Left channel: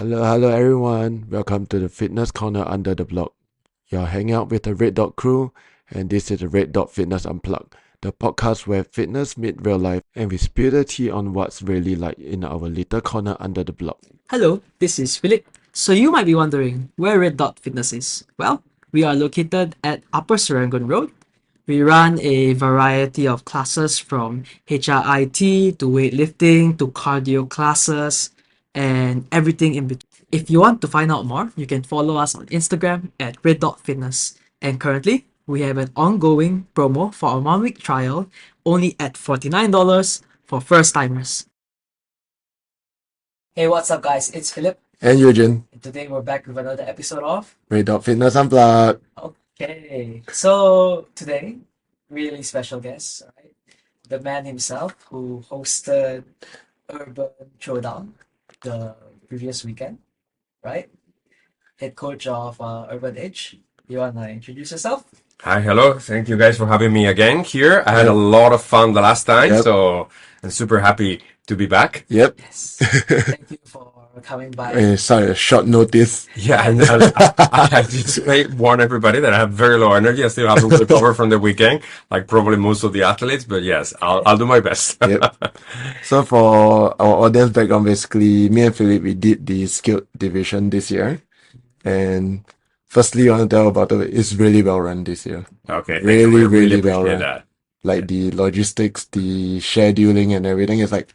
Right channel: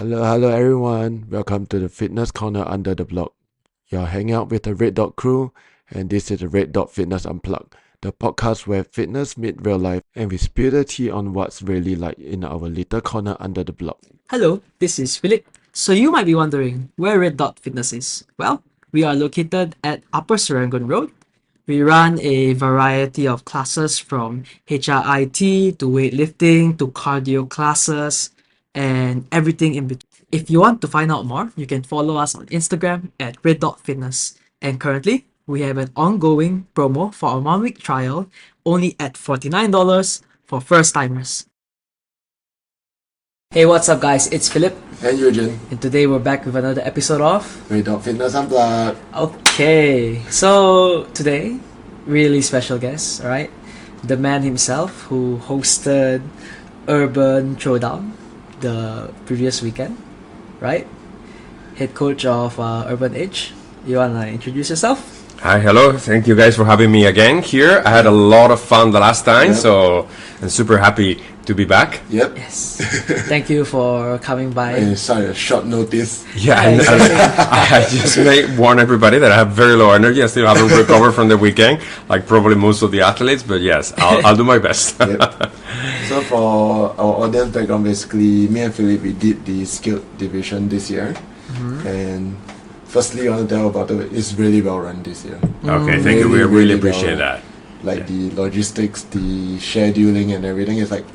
Hello everyone. Welcome to the Fitness Corner under the block. You're hanging out with the Red Dot crew, and this is the Red Dot Fitness Unplugged, the podcast where fitness meets real life and we spill the tea on what's really like in our little corner under the block. Hello, this is Philip. So you might be wondering where Red Dot Fitness is. Well, we are located at Upper Serangoon Road. We run a variety of classes from HIIT to weightlifting to cardio classes and everything in between. If you want to find out more, you can follow us on Instagram at Red Dot Fitness. And currently, we have an ongoing promo for a 1 week trial only at $49 for first timers. Hey, what's up, guys? It's Philip, And Eugene, and today we're back with another episode of. Red Dot Fitness Unplugged. Okay, so today, really special guest, right? The man himself who hosted Urban Throwdown the previous weekend, right? Head coach of Urban Edge. You wanna introduce yourself? Hi, hello. Thank you guys for having me again here. I had a lot of fun the last time, Yep. so I'm super happy to be back. Yep. Yes. Thank you for coming by. Sorry, a short notice. Yeah, and I had just warn everybody that I have very low energy. I still haven't recovered from the weekend, like probably most of the athletes, but yes, I'll do my best. Yep. So for our audience background, basically, me and Philip, we did the skilled division this year. And firstly, I want to tell about it. It's really well run this year. Okay, thank you. We really appreciate well. that. Like the logistics, the scheduling and everything is like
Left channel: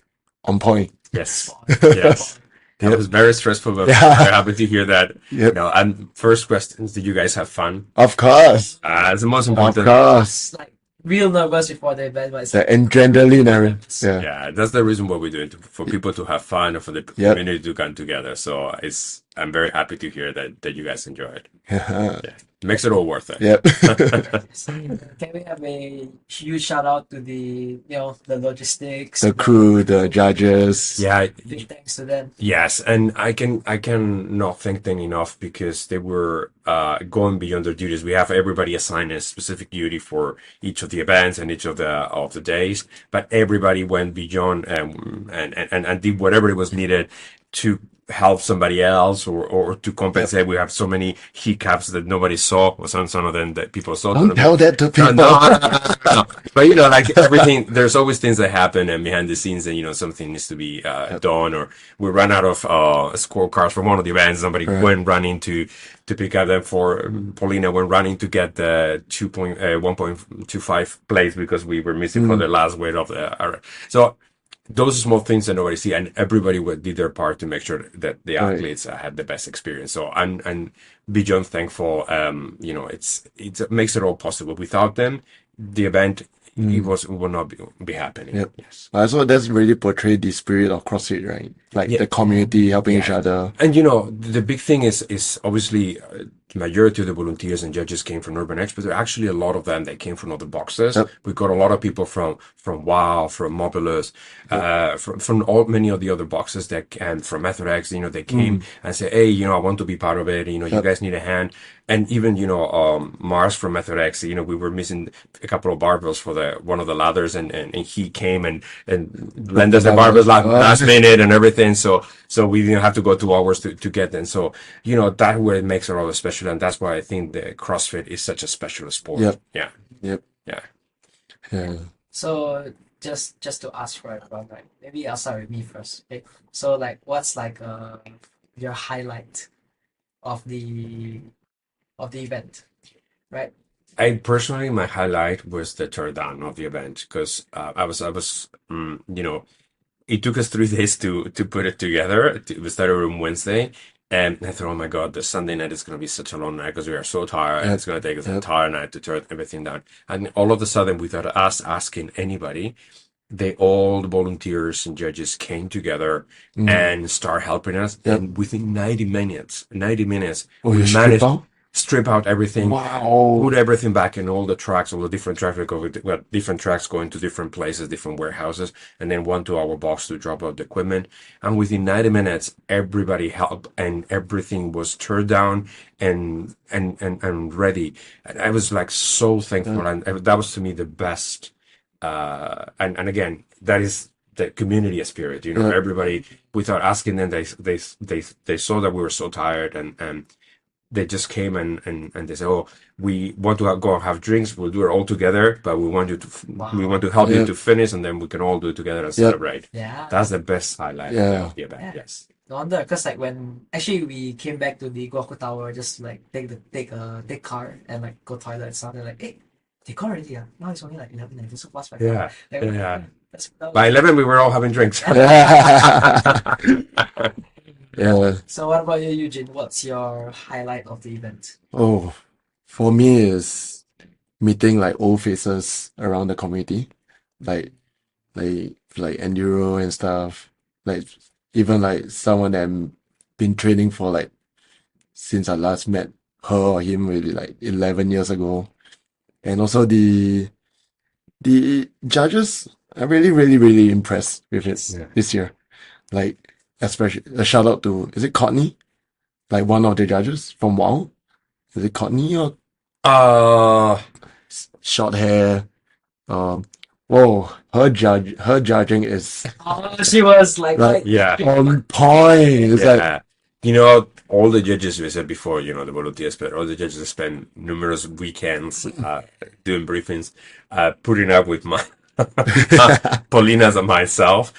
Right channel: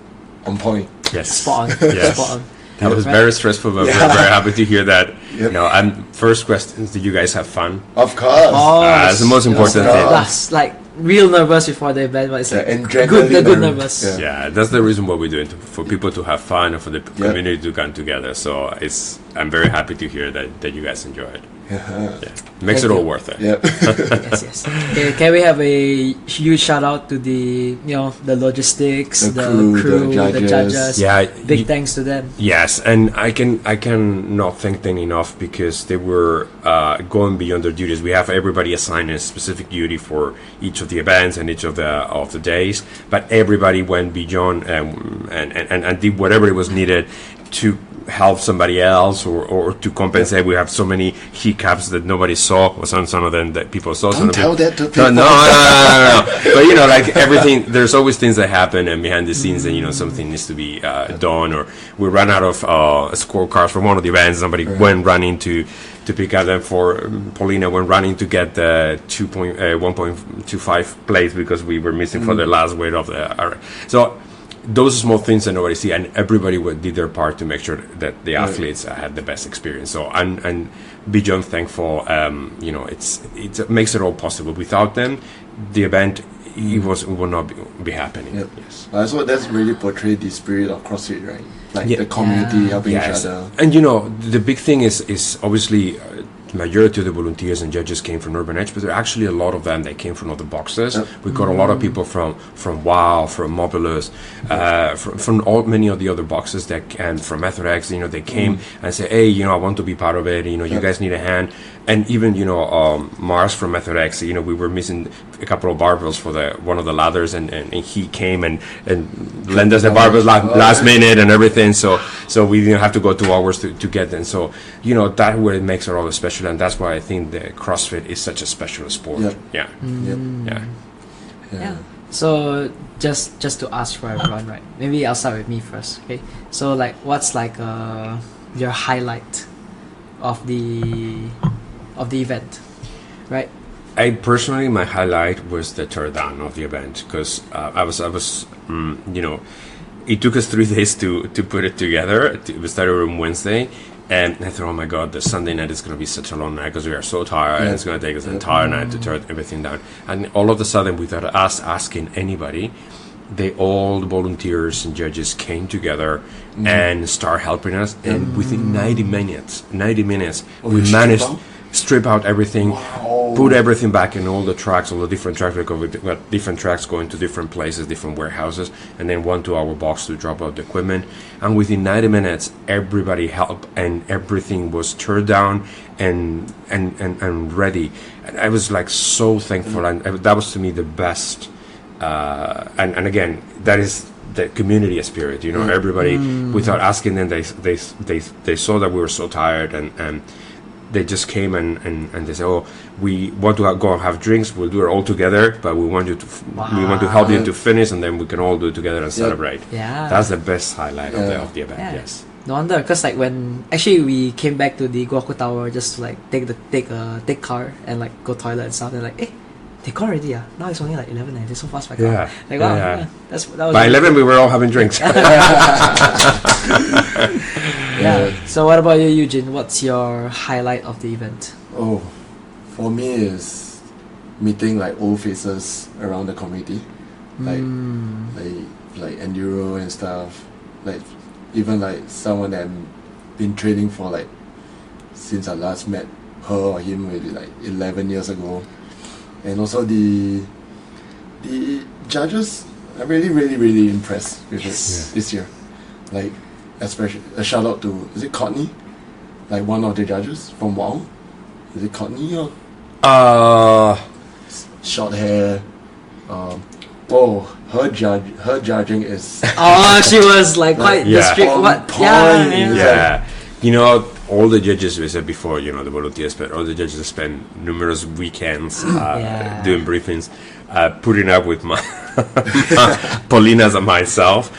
on point. Yes. Spot on. Yes. Spot on. That was very stressful, but we're very happy to hear that. Yep. You know, and first question, did you guys have fun? Of course. That's the most important Of thing. course. That's like real nervous before the event, but it's The like adrenaline good and- nervous. yeah. Yeah, that's the reason why we do it, for people to have fun and for the community to come together. So I'm very happy to hear that you guys enjoy it. Yeah, makes it all worth it. Yep. Yes. Okay, can we have a huge shout out to the the logistics, The crew, the judges. Yeah, Big thanks to them. yes, and I can not thank them enough because they were going beyond their duties. We have everybody assigned a specific duty for each of the events and each of the days, but everybody went beyond and did whatever it was needed to help somebody else or to compensate. We have so many hiccups that nobody saw, or some of them that people saw. Don't tell that to people. No. But like everything, there's always things that happen and behind the scenes, and something needs to be done, or we ran out of scorecards for one of the events. Somebody went running to pick up them for Paulina went running to get the 1.25 plates because we were missing for the last weight of the. So those small things that nobody see, and everybody did their part to make sure that the athletes had the best experience. So I'm beyond thankful. It makes it all possible. Without them, the event it would not be happening. Yep. Yes. So that's really portrayed the spirit of CrossFit, right? Like the community helping each other. And the big thing is obviously the majority of the volunteers and judges came from Urban Edge, but there are actually a lot of them that came from other boxes. Yep. We got a lot of people from WOW, from Mobilus, from many of the other boxes and from Method X. They came and say, hey, I want to be part of it. You guys need a hand. And even Mars from Method X, we were missing a couple of barbells for one of the ladders, and he came and lent us the barbells last minute and everything. So we didn't have to go 2 hours to get them. So that way it makes it all special, and that's why I think the CrossFit is such a special sport. Yep. Yeah. Yep. Yeah. So just to ask for everyone, right? Maybe I'll start with me first. Okay. So like, what's like your highlight of the event, right? I personally, my highlight was the teardown of the event because it took us 3 days to put it together. We started on Wednesday, and I thought, oh my God, the Sunday night is going to be such a long night because we are so tired, and it's going to take us an entire night to tear everything down. And all of a sudden, without us asking anybody, all the volunteers and judges came together and started helping us. And within 90 minutes, we managed strip out everything, put everything back in all the different tracks. We got different tracks going to different places, different warehouses, and then 1 to our box to drop out the equipment. And within 90 minutes, everybody helped, and everything was turned down and ready. And I was like so thankful, and that was to me the best. And again, that is the community spirit. You know, everybody without asking them, they saw that we were so tired, and they just came and they said, "Oh, we want to go and have drinks. We'll do it all together, but we want you to we want to help you to finish, and then we can all do it together and celebrate." Yeah. That's the best highlight of the event. Yeah. Yes. No wonder, because like when actually we came back to the Guaku Tower just to like take car and like go toilet and stuff, they're like, hey, they gone already, yeah. Now it's only like 11 and they're so fast by car. Yeah. Like wow, Yeah. yeah. That was By really 11, we were all having drinks. Yeah. So what about you, Eugene? What's your highlight of the event? Oh, for me is meeting like old faces around the community, like like enduro and stuff, like even like someone that I've been training for like since I last met her or him maybe like 11 years ago, and also the judges. I'm really impressed with it this year, like especially a shout out to, is it Courtney, like one of the judges from WoW. Is it Courtney or short hair? Her judging is Oh, she was like quite yeah. strict. on What? point. Yeah. Yeah, you know, all the judges, we said before, you know, the volunteers, but all the judges spend numerous weekends doing briefings, putting up with my Paulina's and myself,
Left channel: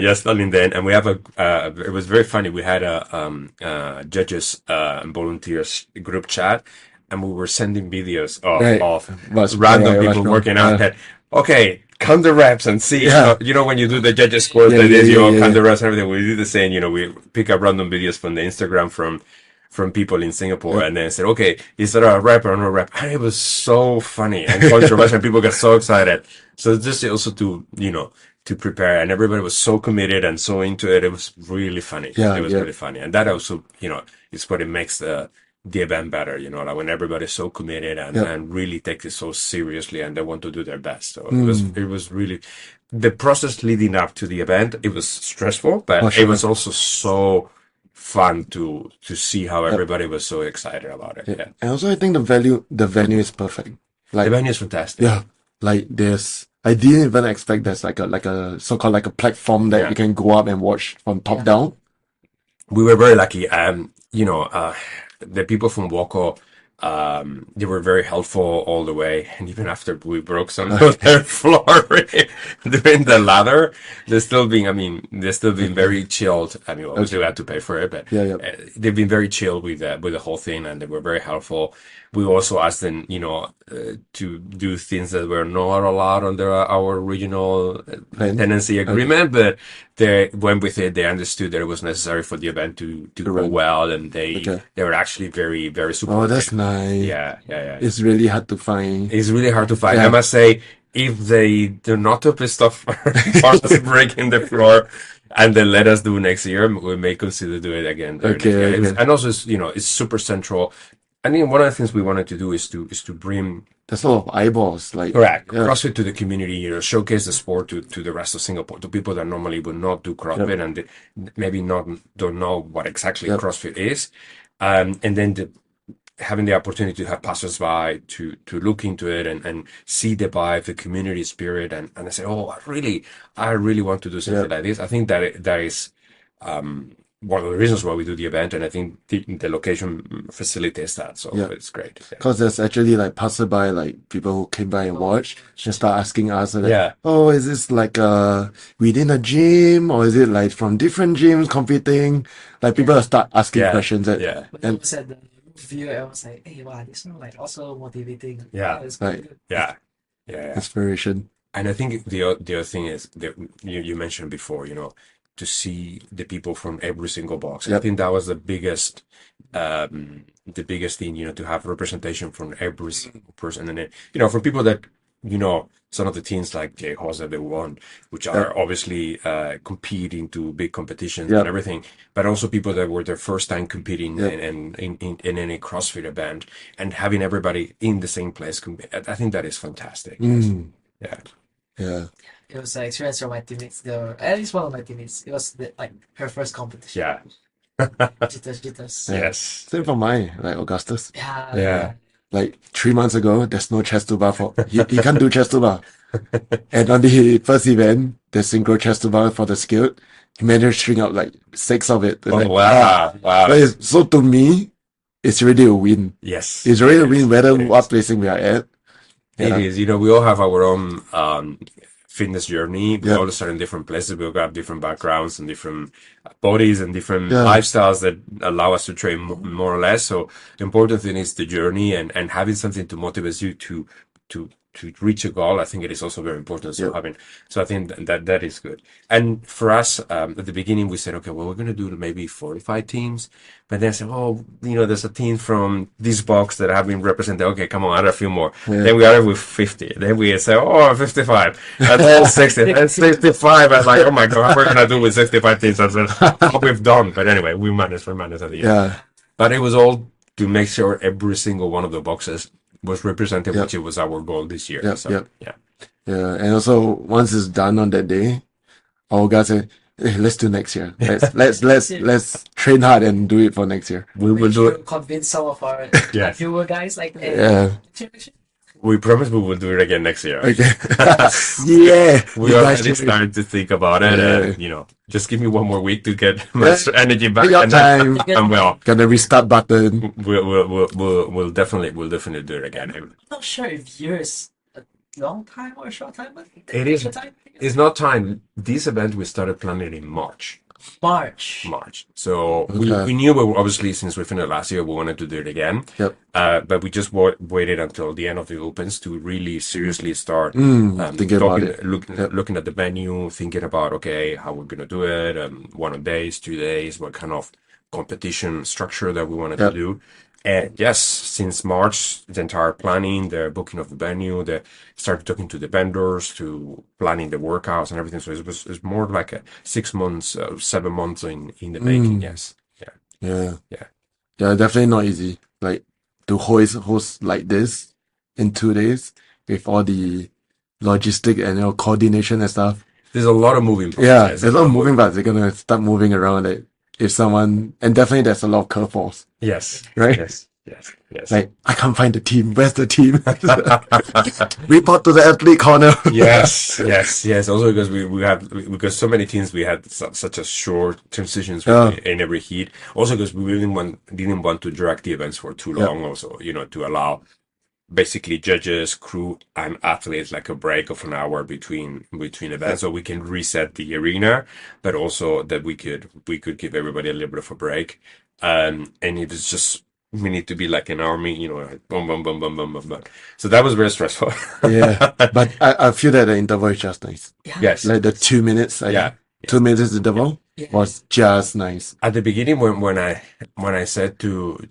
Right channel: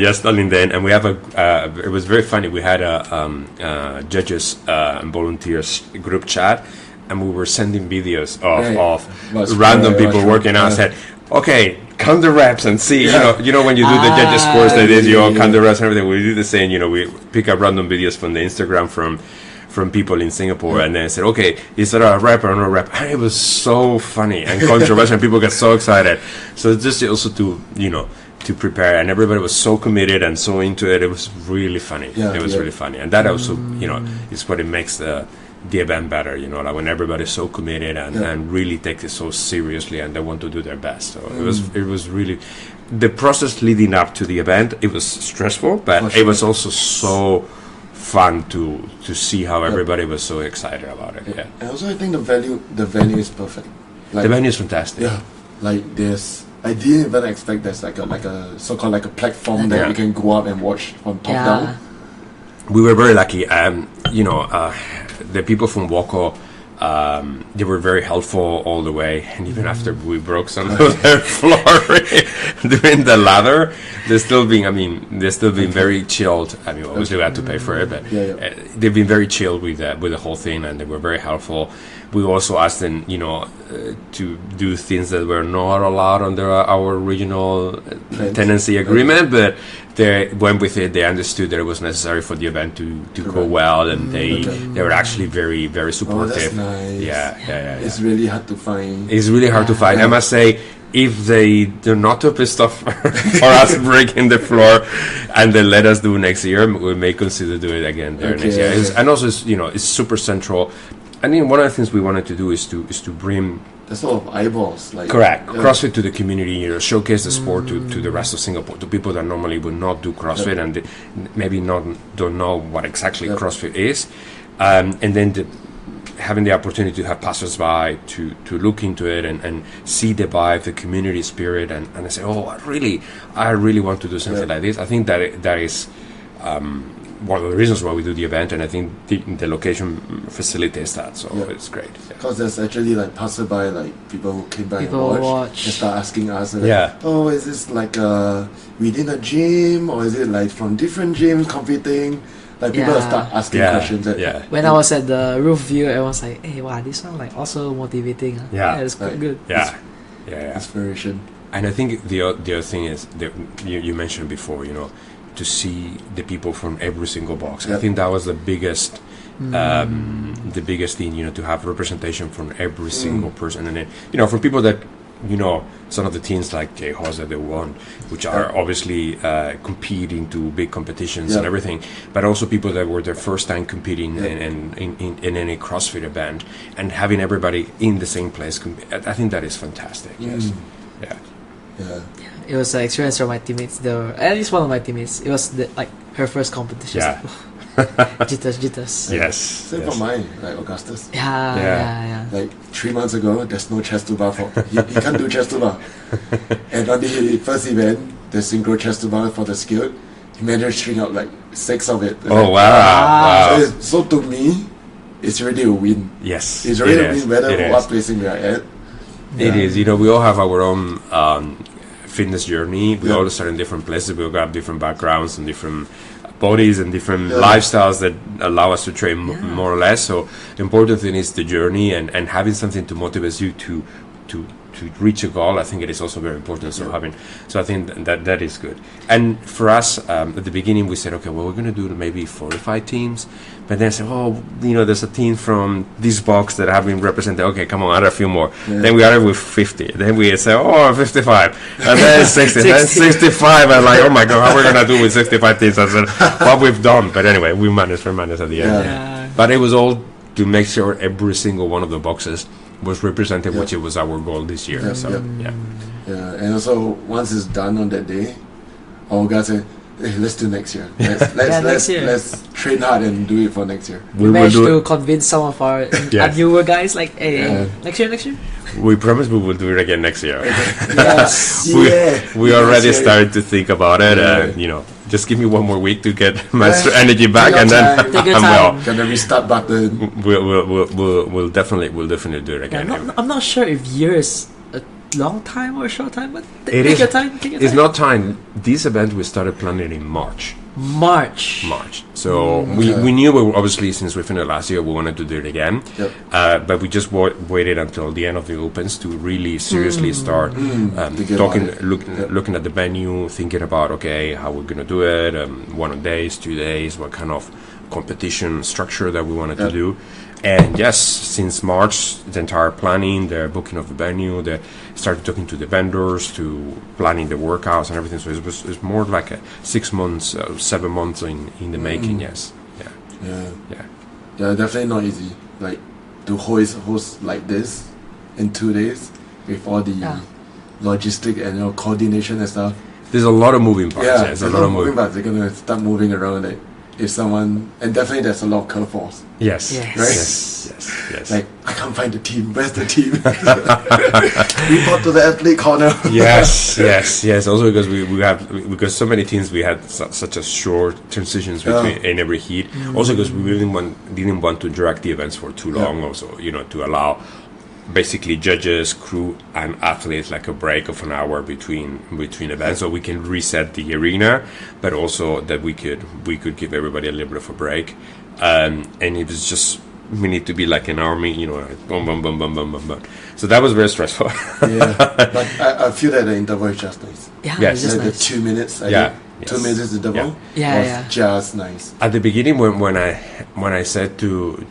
just only then. And we have it was very funny. We had a judges and volunteers group chat, and we were sending videos of random people working out. Said, okay, count the reps and see. You know when you do the judges scores, they did count the reps and everything. We do the same. You know, we pick up random videos from the Instagram from people in Singapore, and then said, okay, is it a rep or no rep? And it was so funny and controversial, and people get so excited. So just also to prepare, and everybody was so committed and so into it. It was really funny. It was really funny, and that also is what it makes the event better. You know, like when everybody's so committed and really takes it so seriously, and they want to do their best. So it was really the process leading up to the event. It was stressful, but it was also so fun to see how everybody was so excited about it. Yeah. And also I think the venue is perfect. Like, The venue is fantastic. yeah, like I didn't even expect there's like a so-called like a platform that you can go up and watch from top down. We were very lucky. The people from Wako, they were very helpful all the way, and even after we broke some of their flooring during the ladder, they're still being very chilled. I mean, obviously we had to pay for it, but they've been very chilled with the whole thing, and they were very helpful. We also asked them, to do things that were not allowed under our original tenancy agreement, but they went with it. They understood that it was necessary for the event to go well, and they were actually very, very supportive. Oh, that's nice. Yeah. It's really hard to find. It's really hard to find. I must say, if they're not too pissed off for us breaking the floor, and they let us do next year, we may consider doing it again next year. And also, it's super central. I think one of the things we wanted to do is to bring there's a lot of eyeballs, like CrossFit to the community. Showcase the sport to the rest of Singapore, to people that normally would not do CrossFit and maybe don't know what exactly CrossFit is, and then having the opportunity to have passers-by to look into it and see the vibe, the community spirit, and I say, oh, I really want to do something like this. I think that is one of the reasons why we do the event, and I think the location facilitates that, so it's great. Because there's actually like passerby, like people who came by and watch and start asking us, like, oh, is this like within a gym, or is it like from different gyms competing? Like people start asking questions. When I was at the roof view, everyone was like, hey, wow, this one like also motivating. It's quite good. Inspiration. And I think the other thing is that you mentioned before, to see the people from every single box. I think that was the biggest thing, to have representation from every single person. And then, for people that, some of the teams like J Jose that won, which are obviously competing to big competitions and everything, but also people that were their first time competing in any CrossFit event, and having everybody in the same place. I think that is fantastic. Yes. Yeah. It was an experience for my teammates. At least one of my teammates. It was like her first competition. Jitters. Yes. Same for mine, like Augustus. Yeah. Like 3 months ago, there's no chest to bar for. He can't do chest to bar. And on the first event, the synchro chest to bar for the skilled, he managed to string out like 6 of it. Oh wow! So to me, it's already a win. Yes, It's already a it is. win whether It what is. placing we are at. It is. You know, we all have our own fitness journey. We Yeah. all start in different places. We all have different backgrounds and different bodies and different Yeah. lifestyles that allow us to train more or less. So the important thing is the journey and having something to motivate you to reach a goal. I think it is also very important. So I think that is good. And for us, at the beginning, we said, okay, well, we're going to do maybe 4 or 5 teams. But then I said, oh, you know, there's a team from this box that have been represented. Okay, come on, add a few more. Yeah. Then we got it with 50. Then we said, oh, 55. And then 60. Then 65. And like, oh my God, what we're going to do with 65 teams? I said, what we've done. But anyway, we managed at the end. Yeah. But it was all to make sure every single one of the boxes was represented, Yeah. which it was our goal this year. Yeah, So, yeah. Yeah, and also once it's done on that day, our guys say, hey, let's do next year. next year. Let's train hard and do it for next year. We will managed do to it. convince some of our Yes. newer guys, like, hey, Yeah. next year. We promise we will do it again next year. Yes. We Next already year. started to think about it, Yeah. and you know, just give me one more week to get my energy back, Take your and then time. Take your I'm well. time. Gonna restart button. We'll definitely do it Yeah, again. I'm not sure if years a long time or a short time, but It take is- your time. Take your It's time. not time. This event we started planning in March. March. So Okay. we knew, obviously, since we finished last year, we wanted to do it again. Yep. But we just waited until the end of the opens to really seriously start Thinking talking, about it. looking at the venue, thinking about, okay, how we're gonna do it, 1 day, 2 days, what kind of competition structure that we wanted Yep. to do. And yes, since March, the entire planning, the booking of the venue, the started talking to the vendors, to planning the workouts and everything. So it's more like a 6 months, 7 months in the making. Yes, Yeah. yeah. Yeah, definitely not easy. Like to host like this in 2 days with all the Yeah. logistic and coordination and stuff. There's a lot of moving parts. Yeah, There's there's a lot of moving parts. They're gonna start moving around it. If someone, and definitely there's a lot of curveballs. Yes. Yes. Right? Yes. Like I can't find the team. Where's the team? Report to the athlete corner. yes. Also because so many teams, we had such a short transitions between in every heat. Also because we didn't want to drag the events for too long. Also, to allow basically judges, crew, and athletes like a break of an hour between events, so we can reset the arena, but also that we could give everybody a little bit of a break. And it was just, we need to be like an army, like boom, boom, boom, boom, boom, boom, boom. So that was very stressful. Yeah, but I feel that the interval is just nice. Yeah, Yes. it's just Like the nice. 2 minutes. I Yeah, think. yes. 2 minutes is the double. Yeah, was yeah. just nice. At the beginning, when I said to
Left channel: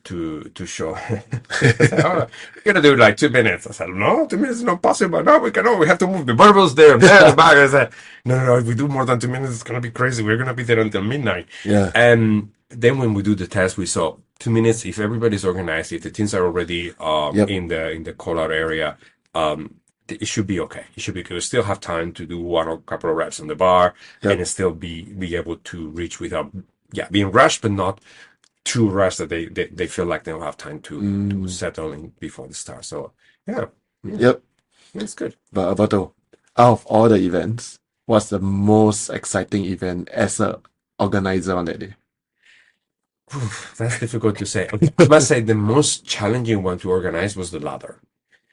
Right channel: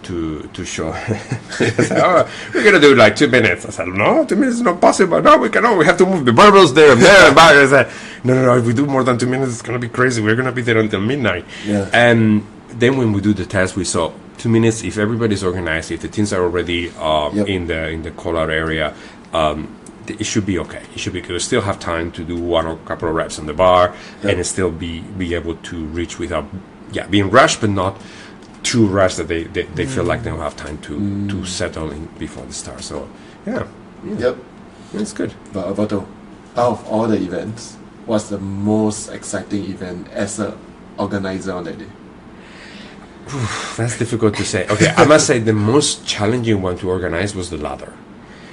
show, oh, we're gonna do like 2 minutes. I said, no, 2 minutes is not possible. No, we cannot. We have to move the barbells there and back. I said, no. If we do more than 2 minutes, it's gonna be crazy. We're gonna be there until midnight. Yeah. And then when we do the test, we saw 2 minutes. If everybody's organized, if the teams are already Yep. in the call out area, it should be okay. It should be good. We still have time to do 1 or couple of reps on the bar, Yep. and still be able to reach without being rushed, but not too rushed that they feel like they don't have time to settle in before the start. So Yep. it's good. But Alberto, out of all the events, what's the most exciting event as a organizer on that day? That's difficult to say. Okay, I must say the most challenging one to organize was the ladder.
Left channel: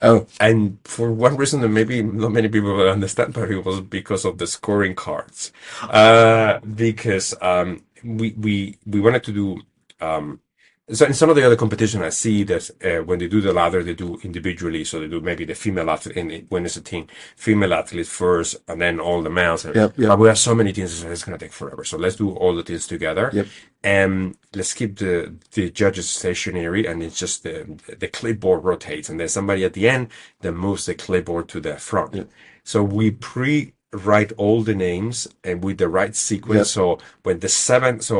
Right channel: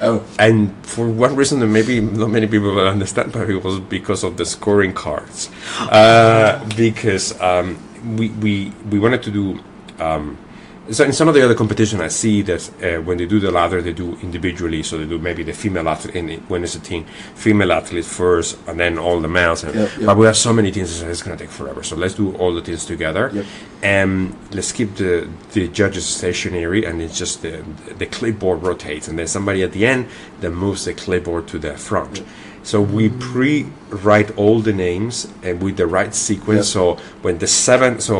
Oh, And for one reason that maybe not many people will understand, but it was because of the scoring cards. Because we wanted to do. So in some of the other competitions, I see that when they do the ladder, they do individually. So they do maybe the female athlete, when it's a team, female athlete first, and then all the males. Yep. But we have so many teams, it's going to take forever. So let's do all the teams together. Yep. And let's keep the judges stationary, and it's just the clipboard rotates, and then somebody at the end that moves the clipboard to the front. So we write all the names and with the right sequence. So when the seventh,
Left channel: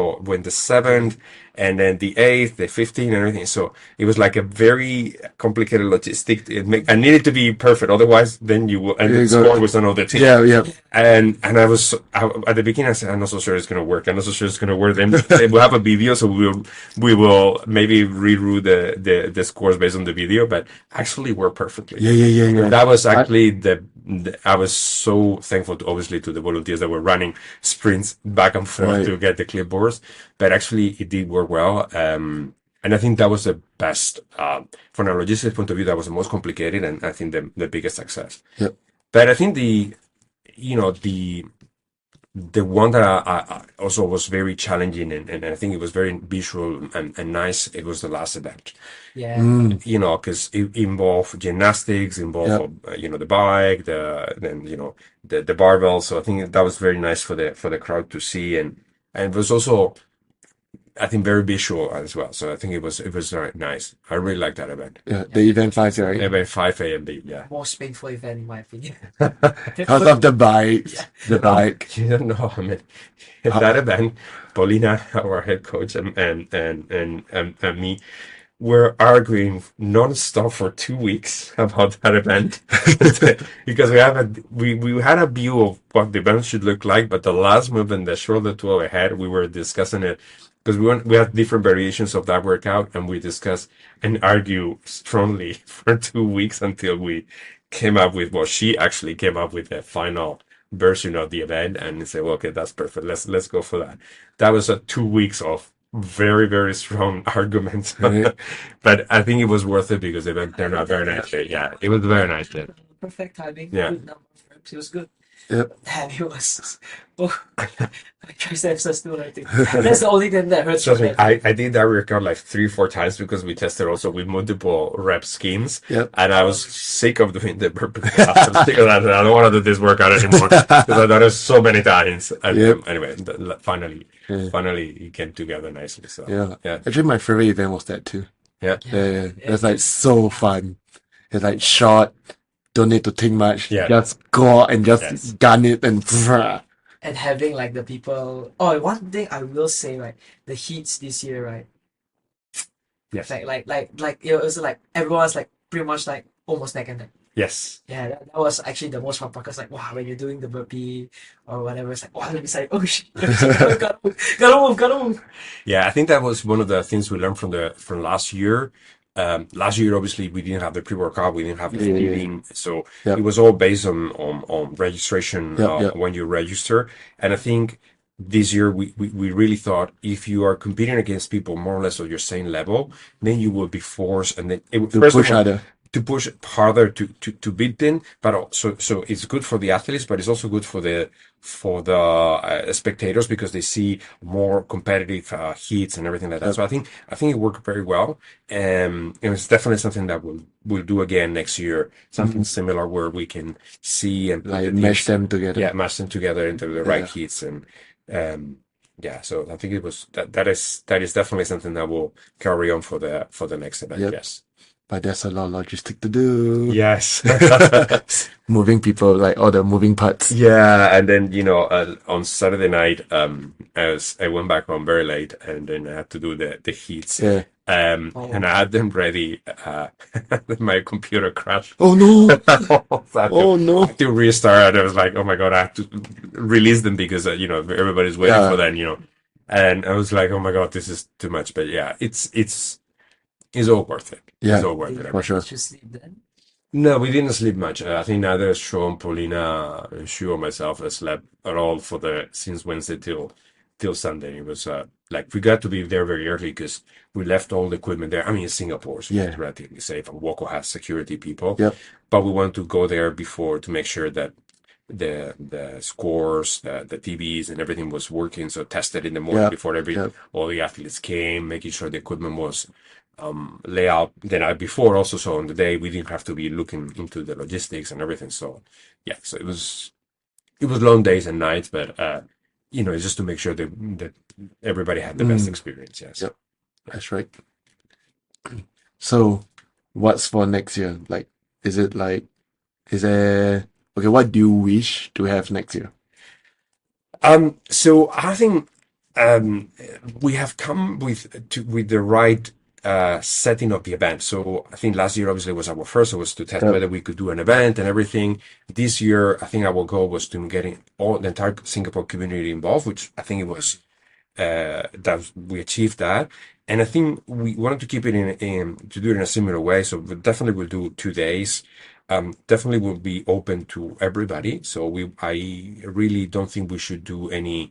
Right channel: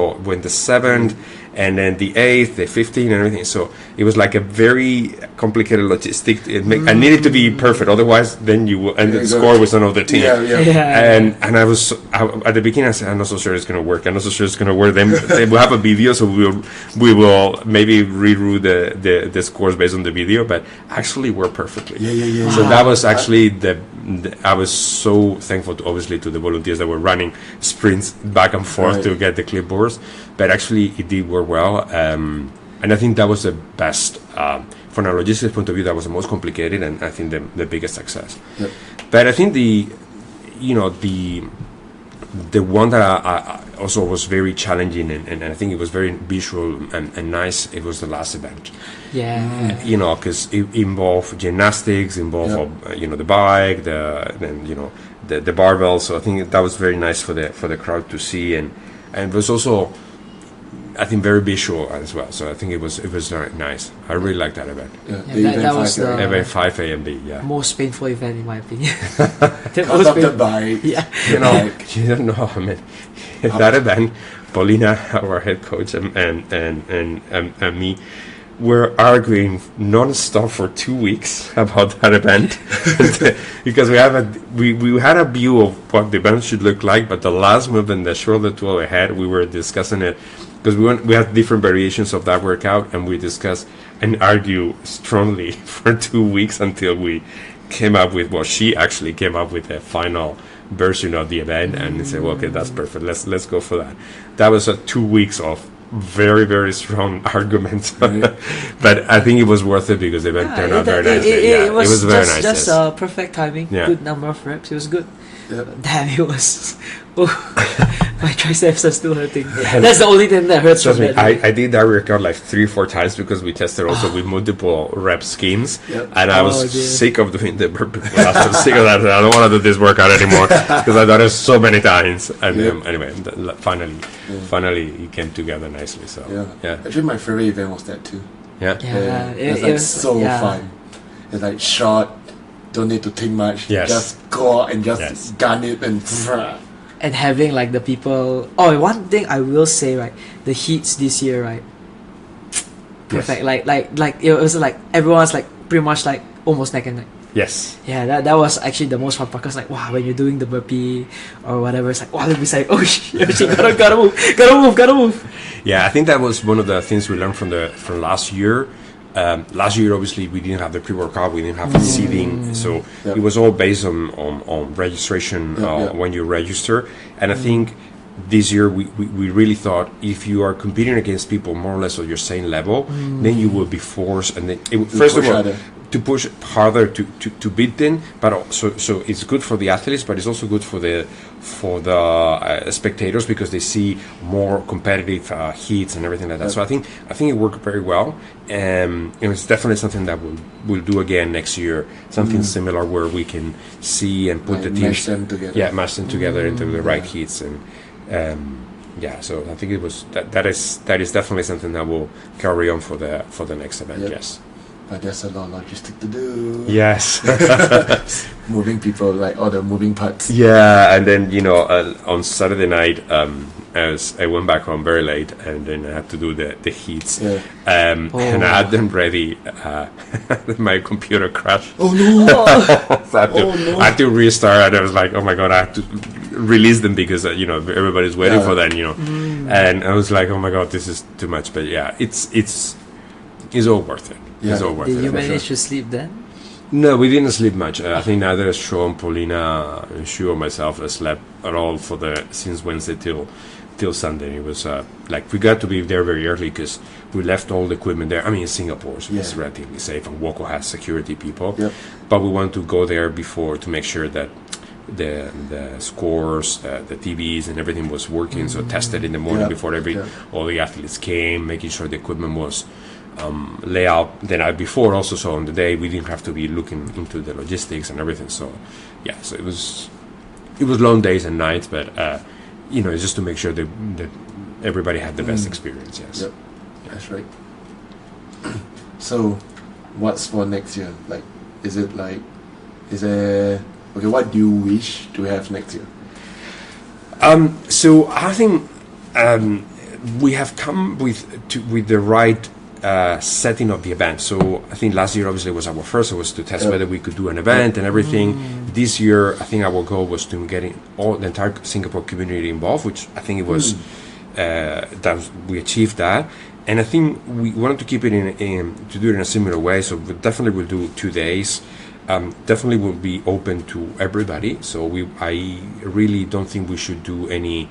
and then the 8th, the 15th, and everything. So it was like a very complicated logistic. I needed to be perfect, otherwise then you will. And the score was another team. And I was at the beginning. I said, I'm not so sure it's gonna work. I'm not so sure it's gonna work. Then we'll have a video, so we will maybe reroute the scores based on the video, but actually worked perfectly. So that was actually I was so thankful obviously to the volunteers that were running sprints back and forth to get the clipboards, but actually it did work well, and I think that was the best from a logistics point of view. That was the most complicated, and I think the biggest success. But I think the one that I also was very challenging, and I think it was very visual and nice. It was the last event. Because it involved gymnastics, the bike, the barbell. So I think that was very nice for the crowd to see, and it was also, I think, very visual as well. So I think it was very nice. I really liked that event. That was Event 5 A and B. Most painful event in my opinion. Because of the bike. You don't know. I mean, that event, Paulina, our head coach, and me, were arguing non-stop for 2 weeks about that event because we had a view of what the event should look like, but the last movement, the shoulder tool ahead, we were discussing it because we had different variations of that workout, and we discussed and argued strongly for 2 weeks until we came up with she actually came up with the final version of the event, and said, well, okay, that's perfect, let's go for that. That was 2 weeks of very, very strong arguments, but I think it was worth it because the event turned out very nicely. It was very just, nice. Just perfect timing, good number of reps. It was good. Damn, it was. My triceps are still hurting. That's the only thing that hurts. I did that workout like 3-4 times because we tested also with multiple rep schemes, and I was sick of doing the burpees. I was sick of that. I don't want to do this workout anymore because I done it so many times. And anyway, finally it came together nicely. So Actually, my favorite event was that too. It was so fun. It's like short, don't need to think much. Just go out and just gun it and having like the people. Oh, one thing I will say, right, the heats this year, right, perfect. Like it was like everyone's like pretty much like almost neck and neck. That was actually the most fun part, because like, wow, when you're doing the burpee or whatever, it's like, wow, it's like, oh shit, gotta move. I think that was one of the things we learned from last year. Last year, obviously, we didn't have the pre-workout, we didn't have the seating, so it was all based on registration when you register. And I think this year we really thought if you are competing against people more or less on your same level, then you will be forced, and then first of all, to push harder to beat them, but also, so it's good for the athletes, but it's also good for the spectators, because they see more competitive heats and everything like that. So I think it worked very well, and it's definitely something that we'll do again next year. Something similar where we can see and put the teams, mash them together. Mash them together into the right heats, and so I think it was that is definitely something that will carry on for the next event. Yes. But there's a lot of logistic to do. Yes. Moving people, like all the moving parts. Yeah, and then on Saturday night, I went back home very late, and then I had to do the heats. And I had them ready. My computer crashed. Oh no! I had to restart, and I was like, oh my god, I have to release them because everybody's waiting for that, And I was like, oh my god, this is too much. But yeah, it's all worth it. It's all worth it. Did you manage to sleep then? No, we didn't sleep much. I think neither Sean, Paulina, and Shu or myself slept at all since Wednesday till Sunday. It was like we got to be there very early because we left all the equipment there. I mean, Singapore, so it's relatively safe, and Woko has security people. But we wanted to go there before to make sure that the scores, the TVs, and everything was working. So tested in the morning before all the athletes came, making sure the equipment was lay out the night before also, so on the day we didn't have to be looking into the logistics and everything. So so it was long days and nights, but just to make sure that everybody had the best experience. That's right. So what's for next year? Like, is there okay, what do you wish to have next year? So I think we have come with the right setting of the event. So I think last year obviously was our first, it was to test whether we could do an event and everything. This year I think our goal was to get the entire Singapore community involved, which I think it was that we achieved that. And I think we wanted to keep it to do it in a similar way. So we definitely will do 2 days. Definitely will be open to everybody. So I really don't think we should do any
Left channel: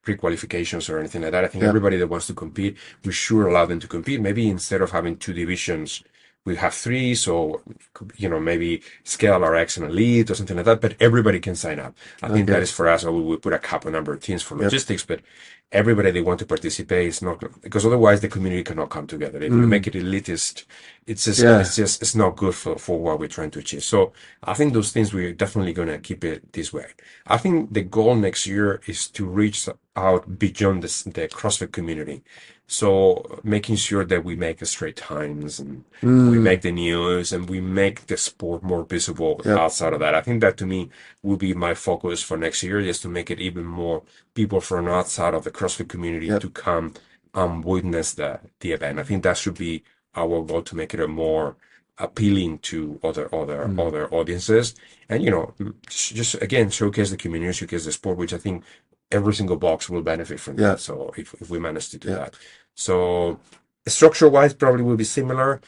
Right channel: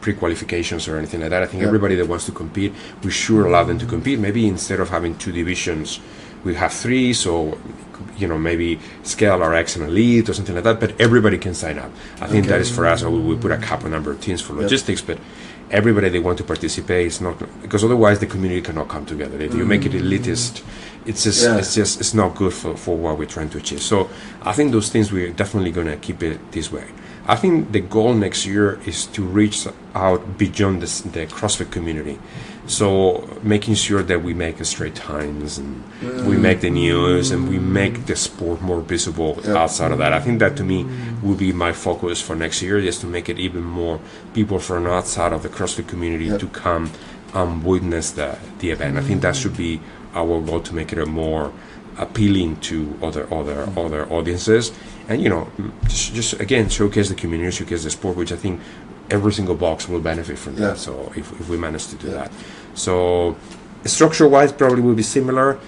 pre-qualifications or anything like that. I think everybody that wants to compete, we should allow them to compete. Maybe instead of having 2 divisions, we have 3. So maybe scale or X and elite or something like that. But everybody can sign up. I think that is for us. Or we put a cap on number of teams for logistics, but everybody they want to participate is not, because otherwise the community cannot come together. If you make it elitist, it's not good for what we're trying to achieve. So I think those things we're definitely going to keep it this way. I think the goal next year is to reach out beyond the CrossFit community. So making sure that we make straight times and we make the news and we make the sport more visible outside of that. I think that to me will be my focus for next year, is to make it even more people from outside of the CrossFit community to come and witness the event. I think that should be our goal, to make it a more appealing to other audiences, and just again showcase the community, showcase the sport, which I think every single box will benefit from that. So if we manage to do that, so structure wise probably will be similar.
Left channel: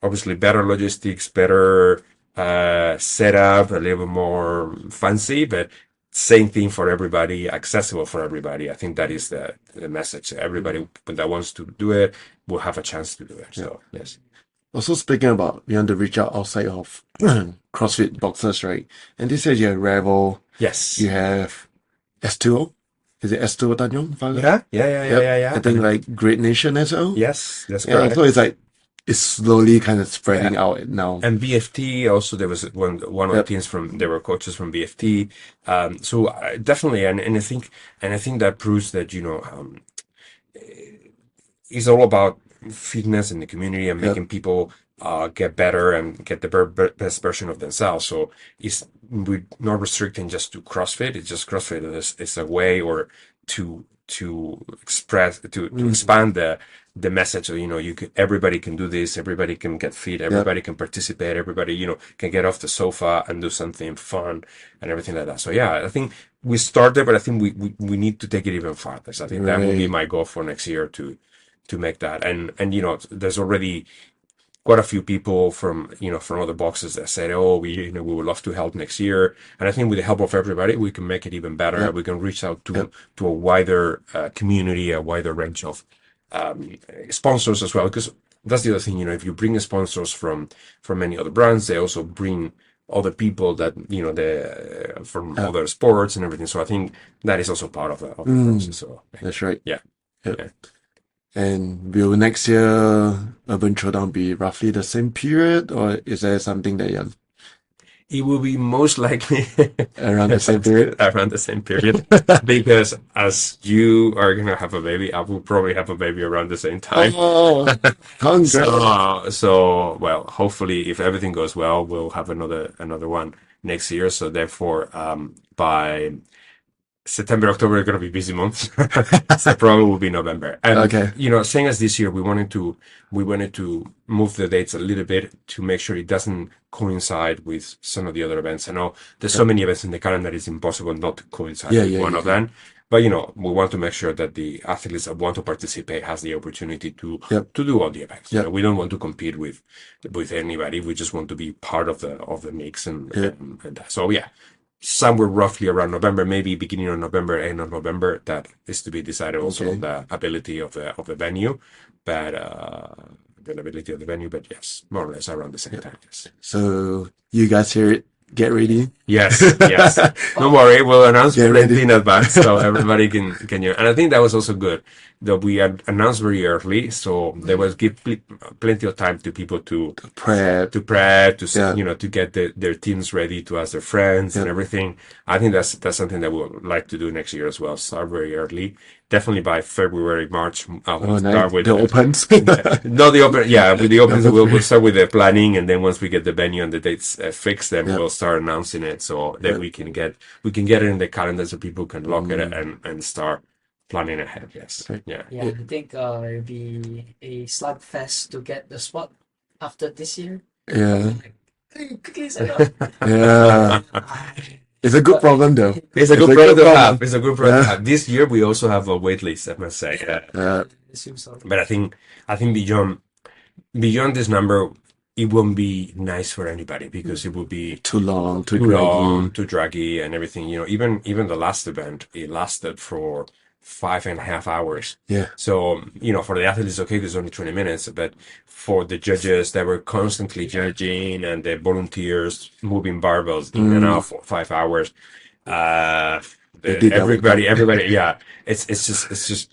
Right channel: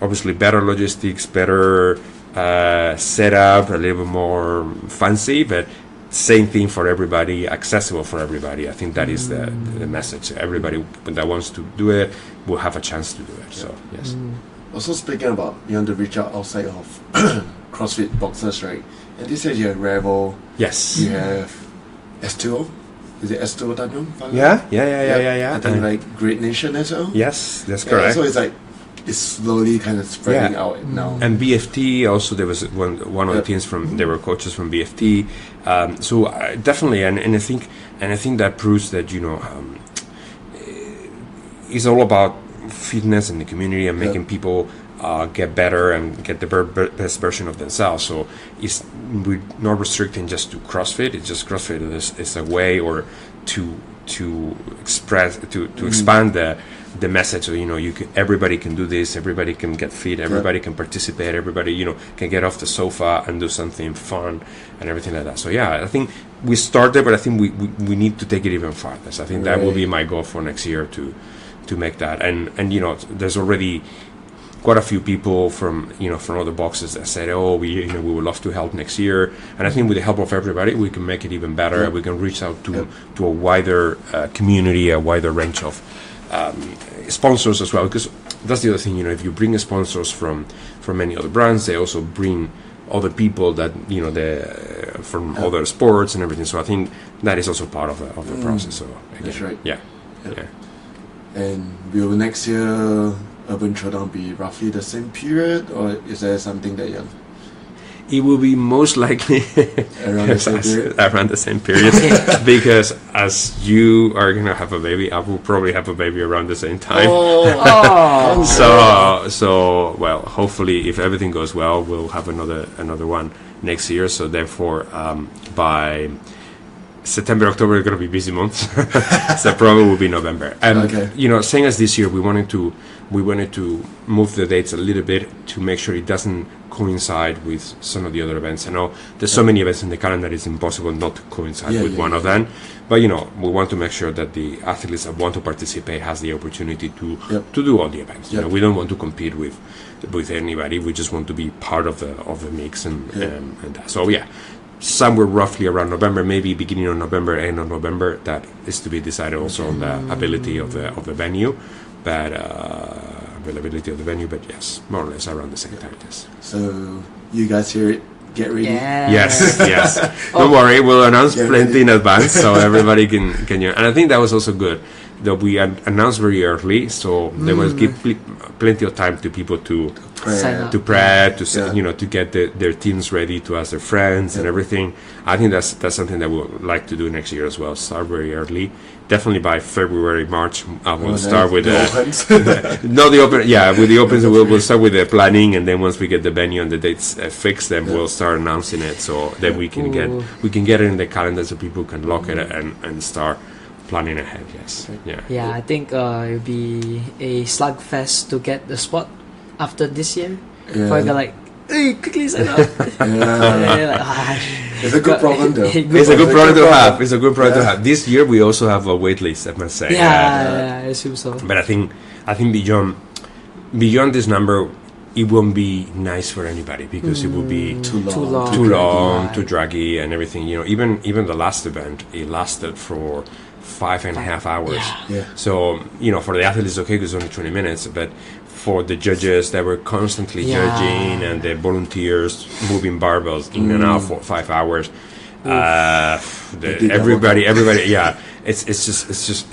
Obviously better logistics, better setup, a little bit more fancy, but same thing for everybody, accessible for everybody. I think that is the message. Everybody that wants to do it will have a chance to do it. So yes. Also speaking about, you want to reach out outside of CrossFit boxers, right? And this year you have Rebel. Yes. You have S2O. Is it S2O Tanjung? Yeah. I think like Great Nation as well. Yes, that's correct. So it's like it's slowly kind of spreading out now. And BFT also, there was one of the teams there were coaches from BFT. So definitely, and I think that proves that it's all about fitness in the community and making people get better and get the best version of themselves. So we're not restricting just to CrossFit. It's just CrossFit is a way or to express to expand the message. So everybody can do this. Everybody can get fit. Everybody can participate. Everybody can get off the sofa and do something fun and everything like that. So I think we started, but I think we need to take it even farther. So I think that will be my goal for next year to make that. And there's already quite a few people from other boxes that said, we would love to help next year. And I think with the help of everybody, we can make it even better. And we can reach out to a wider community, a wider range of sponsors as well. Because that's the other thing, if you bring sponsors from many other brands, they also bring other people that from other sports and everything. So I think that is also part of the process. So again, that's right. Yeah. And will next year Urban Throwdown be roughly the same period, or is there something that you? It will be most likely around the same period. Around the same period, because as you are gonna have a baby, I will probably have a baby around the same time. So well, hopefully, if everything goes well, we'll have another one next year. So therefore, by September, October are going to be busy months, so probably will be November. And same as this year, we wanted to move the dates a little bit to make sure it doesn't coincide with some of the other events. I know there's so many events in the calendar; it's impossible not to coincide with one of them. But we want to make sure that the athletes that want to participate has the opportunity to do all the events. We don't want to compete with anybody. We just want to be part of the mix and that. So somewhere roughly around November, maybe beginning of November, end of November. That is to be decided also on the ability of the venue, but availability of the venue. But yes, more or less around the same time. Yes. So you guys hear it? Get ready. Yes. Don't worry, we'll announce plenty in advance so everybody can hear. And I think that was also good that we announced very early, so there was plenty of time to people to Prep. to prep, to Yeah. to get their teams ready, to ask their friends and Yeah. everything. I think that's something that we'd like to do next year as well. Start very early, definitely by February, March. We'll start with the opens. no, the open. Yeah, with the opens, we'll start with the planning, and then once we get the venue and the dates fixed, then we'll start announcing it. So then we can get it in the calendar so people can lock it and start planning ahead. Yes. Yeah. Yeah, I think it'll be a slugfest to get the spot after this year. Yeah. Probably like, hey, quickly sign up. Yeah. Like, ah, It's a good problem though. It's a good product to have. It's a good product to have. This year we also have a wait list, I must say. Yeah, I assume so. But I think beyond this number, it won't be nice for anybody because it will be Too long. too long, Right. too draggy, and everything. Even the last event, it lasted for 5.5 hours. Yeah. So for the athletes, okay, it's only 20 minutes, but for the judges, they were constantly judging, and the volunteers moving barbells in and out for 5 hours. Everybody, yeah. It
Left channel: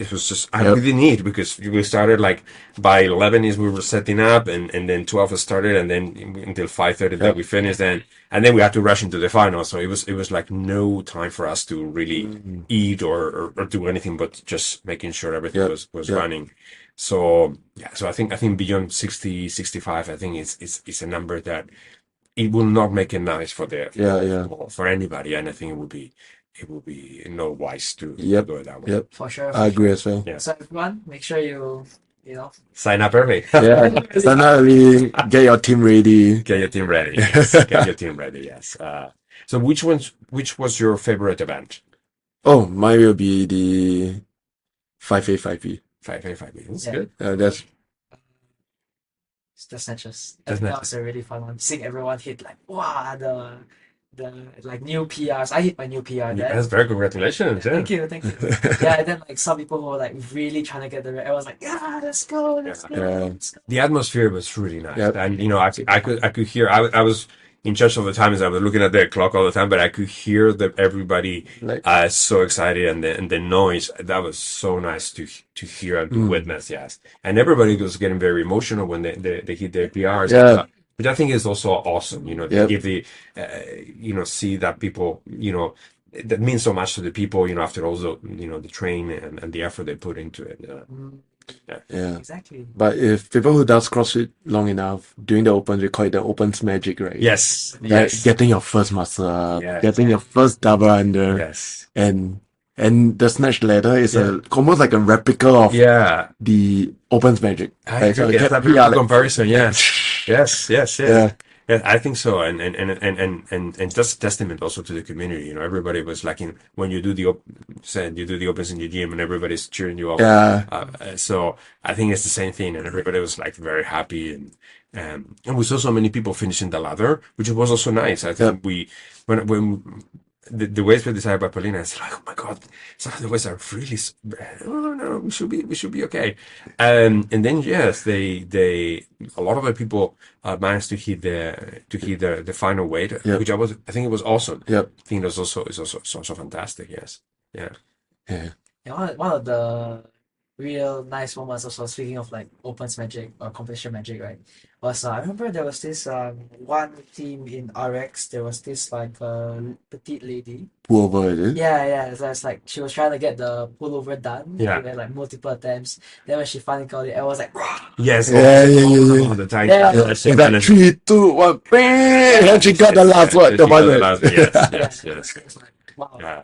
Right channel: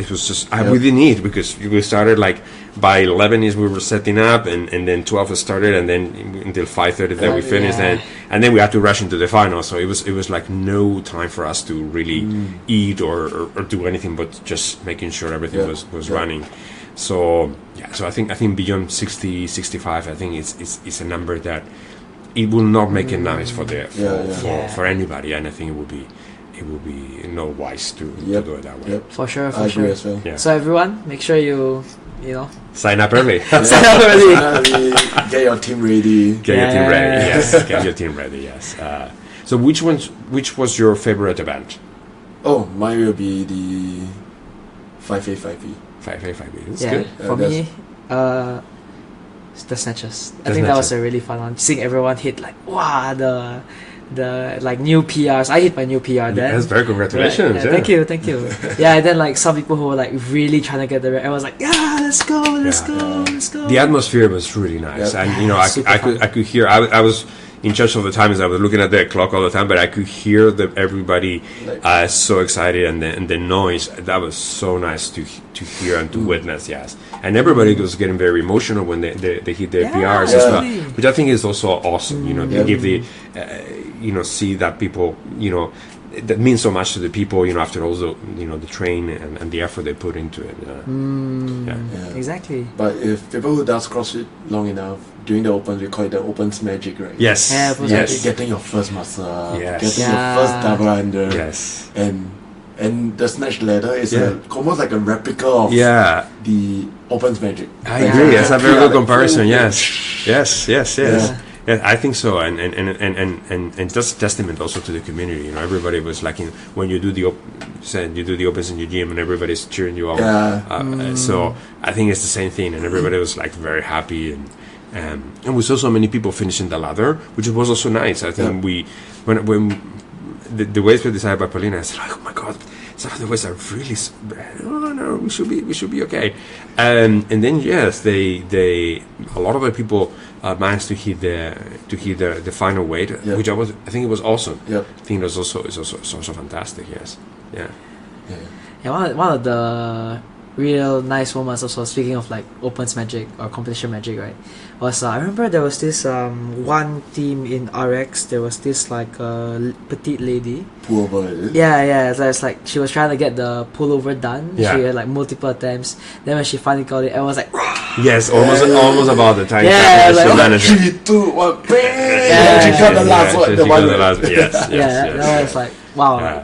was just I really need, because we started like by 11 is we were setting up, and then 12 started, and then until 5:30 that we finished, and then we had to rush into the final. So it was like no time for us to really eat or do anything but just making sure everything was running. So I think beyond 60, 65, I think it's a number that it will not make it nice for for anybody, and I think it will be wise to do it that way. Yep. For sure, I agree sure. as well. Yeah. So everyone, make sure you Sign up early. Finally, get your team ready. Get your team ready. Yeah. Yes. Get your team ready. Yes. So which was your favorite event? Oh, mine will be the 5A 5B. 5A, 5B. That's yeah. good. For that's- me, the snatches. I The think that was snatches. a really fun one. Seeing everyone hit like the like new PRs. I hit my new PR then. That's very congratulations. Yeah, thank you. Yeah, and then like some people who were like really trying to get the I was like, yeah, let's go. The atmosphere was really nice, Yeah. and Super I could hear. I was in charge of the times. I was looking at the clock all the time, but I could hear everybody Like- so excited, and the noise. That was so nice to hear and to witness. Yes, and everybody was getting very emotional when they hit their PRs and stuff, Yeah. which I think is also awesome. They Yeah. give the see that people that means so much to the people. After all the training and the effort they put into it. Yeah. Yeah. Exactly. But if people who does CrossFit long enough, during the opens, we call it the opens magic, right? Yes. Yeah, opens Yeah, magic. getting your first muscle up, Yes. getting your Yeah. first double under, Yes. and the snatch ladder is almost like a replica of Yeah. the opens magic. I Like, agree. you That's a get very PR good like, comparison. boom. Yes. Yeah. Yeah, I think so, and that's testament also to the community. Everybody was like, when you do the opens in your gym, and everybody's cheering you on. Yeah. So I think it's the same thing, and everybody was like very happy, and we saw so many people finishing the ladder, which was also nice. I think when the weights were decided by Paulina, I said, oh my god, some of the weights are really. No, we should be okay. And then yes, they a lot of the people managed to hit the final weight, which I think it was awesome. Yep. I think it's also fantastic. Yes. Yeah. Yeah, one of the real nice moments also, speaking of like opens magic or competition magic, right, was I remember there was this one team in RX. There was this like petite lady. Pull over, is it? Yeah, it's like she was trying to get the pullover done. Yeah. She had like multiple attempts. Then when she finally got it, I was like, Yes, Yeah. almost about the time. Yeah, she like- managed it. 3, 2, 1, bang! Yeah. She got the last one. She The got one the last one. Yes, yeah, yes. that was like, wow, Yeah,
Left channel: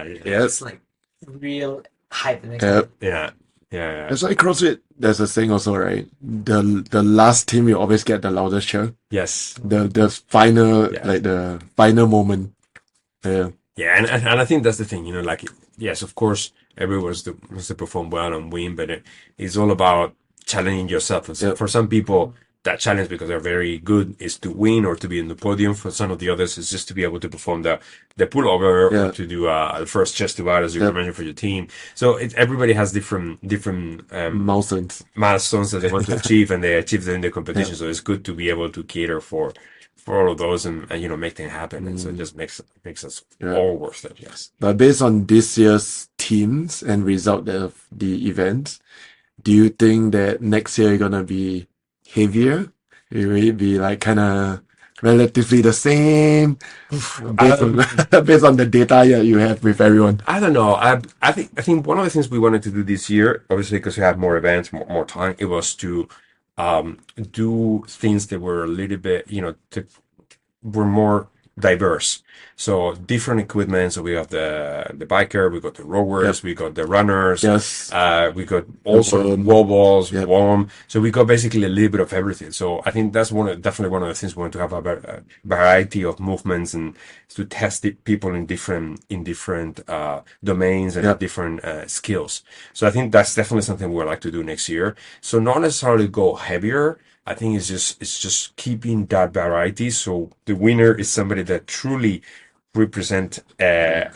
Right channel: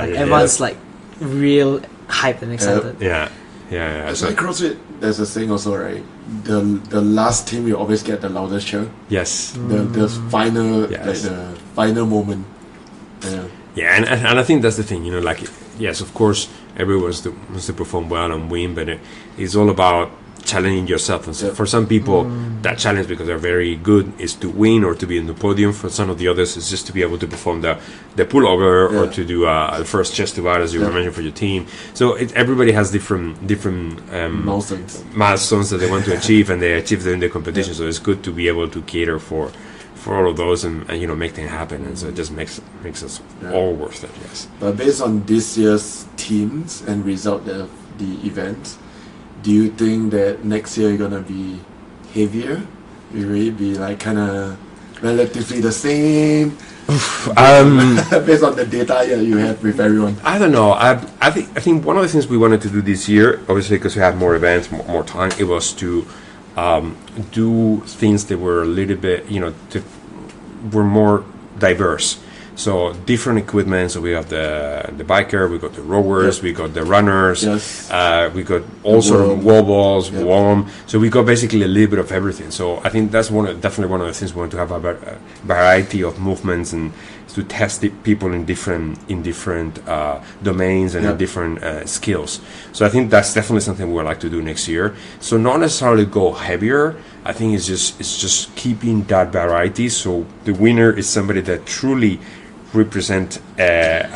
like yeah, everyone's like real hyped and excited. Yeah. That's why CrossFit, there's a saying also, right? The last team will always get the loudest cheer. Yes. The final, Yes. like the final moment. Yeah. Yeah, and I think that's the thing, like, yes, of course, everyone wants to perform well and win, but it's all about challenging yourself. And so Yep. for some people, that challenge, because they're very good, is to win or to be in the podium. For some of the others, it's just to be able to perform the pullover or Yeah. to do the first chest to bar, as you were Yep. mentioning, for your team. So everybody has different Milestones. milestones that they want to achieve, and they achieve them in the competition. So it's good to be able to cater for all of those and make things happen. And so it just makes us Yeah. all worth it. Yes. But based on this year's teams and result, the events, do you think that next year you're gonna be heavier? Will it be like kind of relatively the same? Based on the data you have with everyone. I don't know. I think one of the things we wanted to do this year, obviously because we had more events, more time, it was to do things that were a little bit, were more diverse. So different equipment. So we have the biker, we got the rowers, we got the runners, we got also wall balls, warm. So we got basically a little bit of everything. So I think that's definitely one of the things we want to have a variety of movements and to test the people in different domains and in different skills. So I think that's definitely something we would like to do next year. So not necessarily go heavier. I think it's just keeping that variety. So the winner is somebody that truly represent a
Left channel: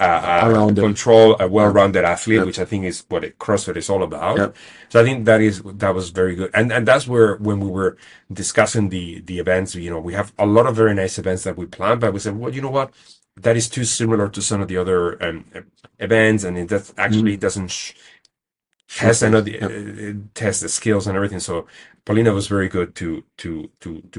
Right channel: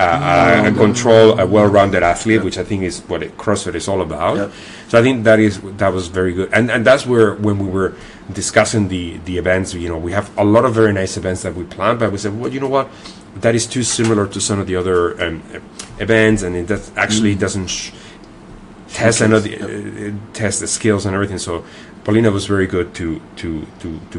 well-rounded athlete, which I think is what CrossFit is all about. So I think that was very good, and that's where when we were discussing the events, we have a lot of very nice events that we planned, but we said, well, you know what, that is too similar to some of the other events, and it actually doesn't test test the skills and everything. So Paulina was very good to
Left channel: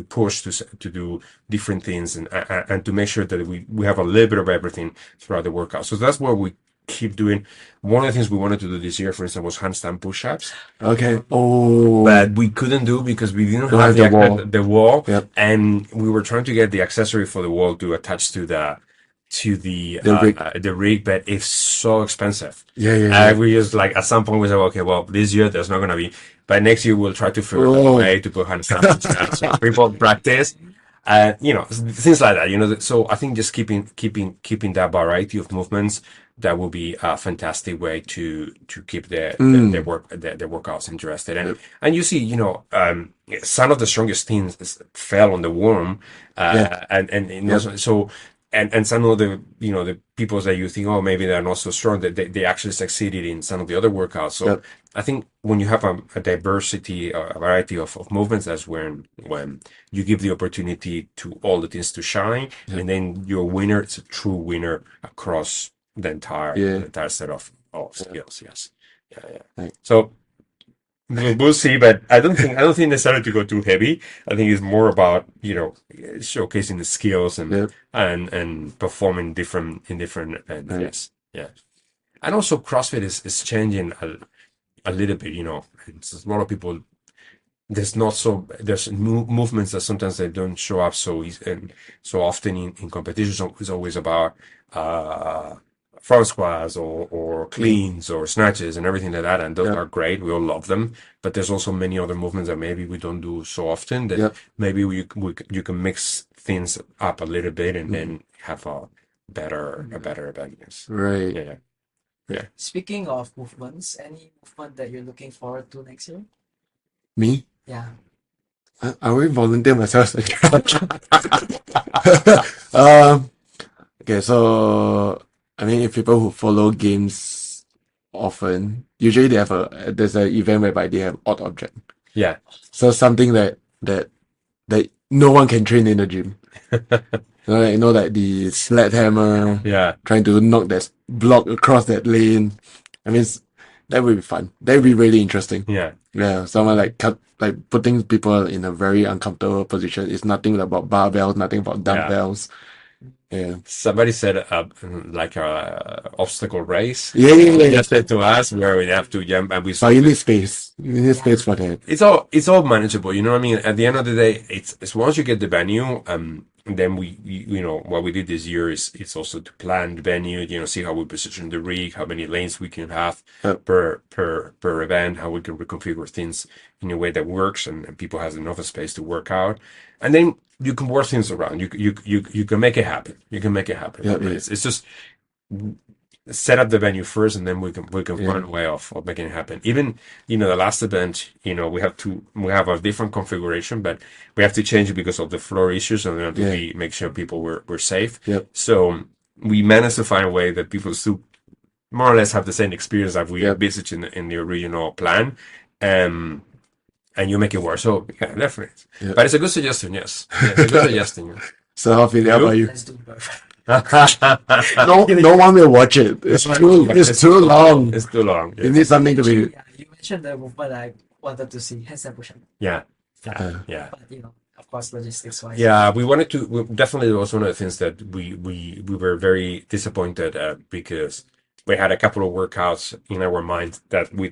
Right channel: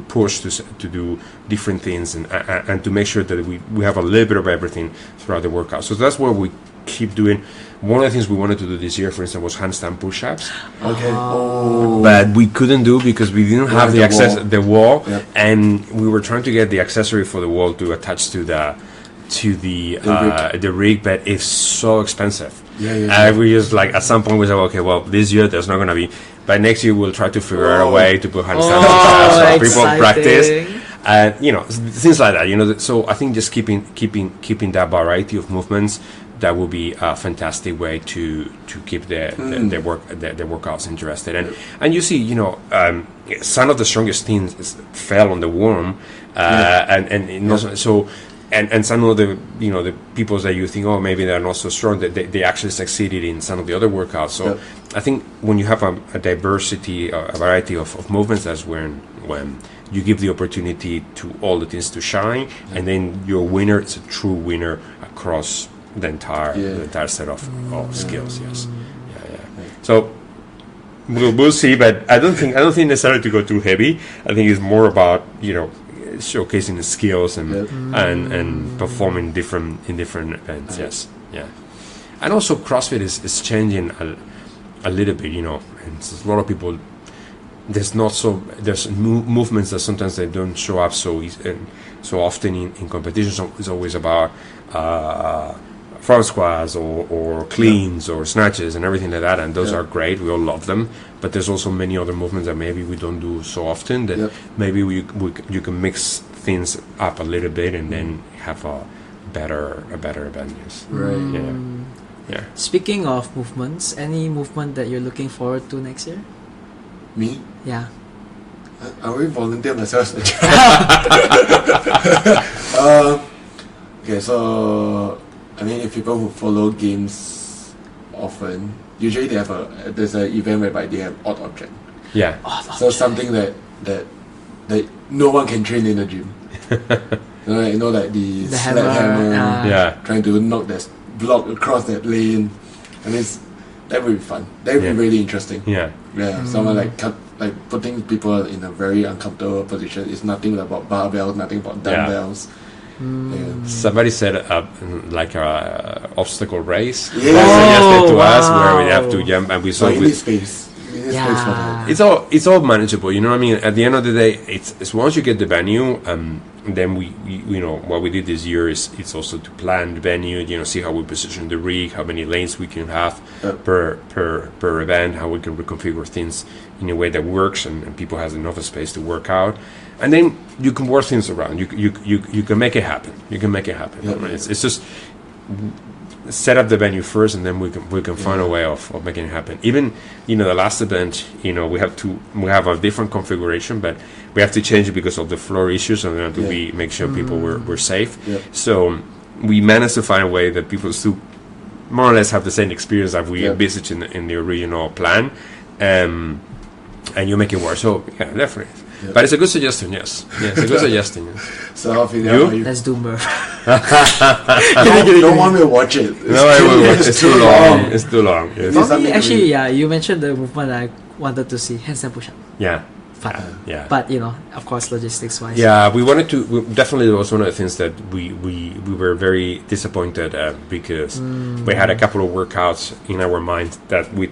push to do different things and to make sure that we have a little bit of everything throughout the workout. So that's what we keep doing. One of the things we wanted to do this year, for instance, was handstand push-ups. Okay. But we couldn't do because we didn't have the wall, and we were trying to get the accessory for the wall to attach to the rig, but it's so expensive. And we just like at some point we said, okay, well, this year there's not gonna be, but next year we'll try to figure out a way to put handstand push-ups so people practice, and things like that. So I think just keeping that variety of movements, that will be a fantastic way to keep the workouts interested. And you see, some of the strongest teams fell on the warm, and some of the the people that you think, oh, maybe they're not so strong, they actually succeeded in some of the other workouts. So I think when you have a diversity, a variety of movements, that's when you give the opportunity to all the things to shine, and then your winner is a true winner across the entire set of skills. So we'll see, but I don't think necessarily to go too heavy. I think it's more about showcasing the skills and performing in different events. And also CrossFit is changing a little bit, and a lot of people, there's movements that sometimes they don't show up so often in competitions. So it's always about front squats or cleans or snatches and everything like that, and those are great. We all love them, but there's also many other movements that maybe we don't do so often that maybe you can mix things up a little bit and then have a better event. Right. Speaking of movements, any movement that you're looking forward to next year? Me? Yeah. I will volunteer myself. Okay, so I mean, if people who follow games often, usually there's an event whereby they have odd object. So something that no one can train in the gym. Like the sled hammer, trying to knock that block across that lane, and that would be fun. That would be really interesting. Someone like putting people in a very uncomfortable position. It's nothing about barbells, nothing about dumbbells. Somebody said like a obstacle race. Suggested to us where we have to jump, and we saw. So you need space. You need space for that. It's all manageable. You know what I mean? At the end of the day, it's once you get the venue, then we what we did this year is it's also to plan the venue. See how we position the rig, how many lanes we can have per event, how we can reconfigure things in a way that works and people has enough space to work out. And then you can work things around. You can make it happen. It's just set up the venue first, and then we can find a way of making it happen. Even the last event, we have a different configuration, but we have to change it because of the floor issues, and we have to make sure people were safe. So we managed to find a way that people still more or less have the same experience that we envisaged in the original plan. and you make it work. So yeah, definitely. Yeah. But it's a good suggestion, yes. Yeah, it's a good suggestion. Yes. So how about you? Let's do Murph. Don't want me to watch it. It's too long. It's too long. Yes. Actually, yeah, you mentioned the movement I wanted to see, handstand push-up. Yeah. Yeah. But of course, logistics wise. Yeah, we wanted to. Definitely, it was one of the things that we were very disappointed because we had a couple of workouts in our mind that we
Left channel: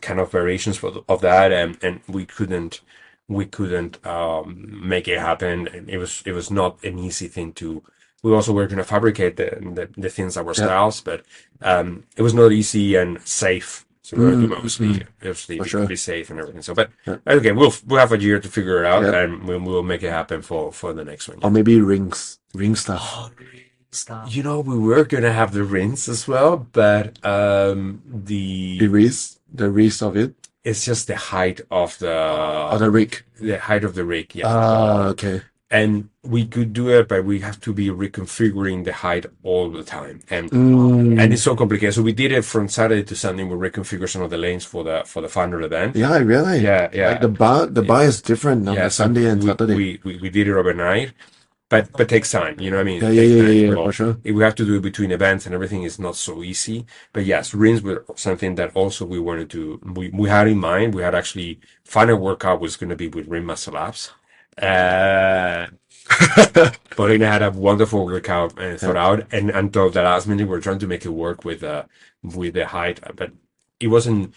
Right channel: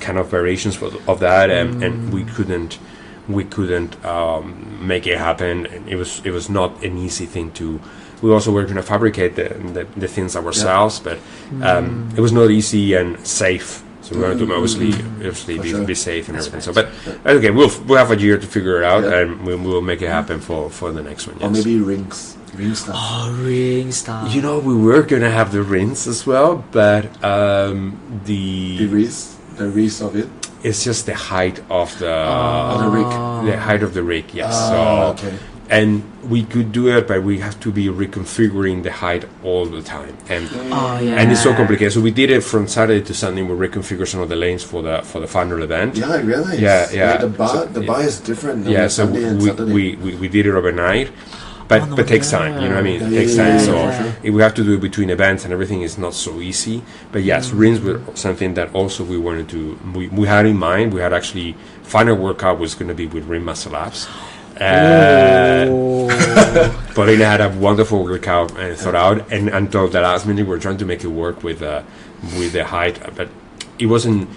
kind of variations of that, and we couldn't make it happen. And it was not an easy thing to. We also were going to fabricate the things ourselves, but it was not easy and safe. So we're going to obviously be safe and everything. So, but okay, we'll have a year to figure it out, and we'll make it happen for the next one. Yes. Or maybe ring stuff. Oh, ring stuff. We were gonna have the rings as well, but the wrist of it. It's just the height of the rig. The height of the rig. Yes. Okay. And we could do it, but we have to be reconfiguring the height all the time, and it's so complicated. So we did it from Saturday to Sunday. We reconfigured some of the lanes for the final event. Yeah, I realized. Yeah. Like the bar is different on Sunday and Saturday. We did it overnight, but takes time. You know what I mean? It takes time. So sure. we have to do it between events, and everything is not so easy. But yes, rings were something that also we wanted to. We had in mind. We had actually final workout was going to be with ring muscle ups. Paulina had a wonderful workout and thought out, and until the last minute we were trying to make it work with the height, but it wasn't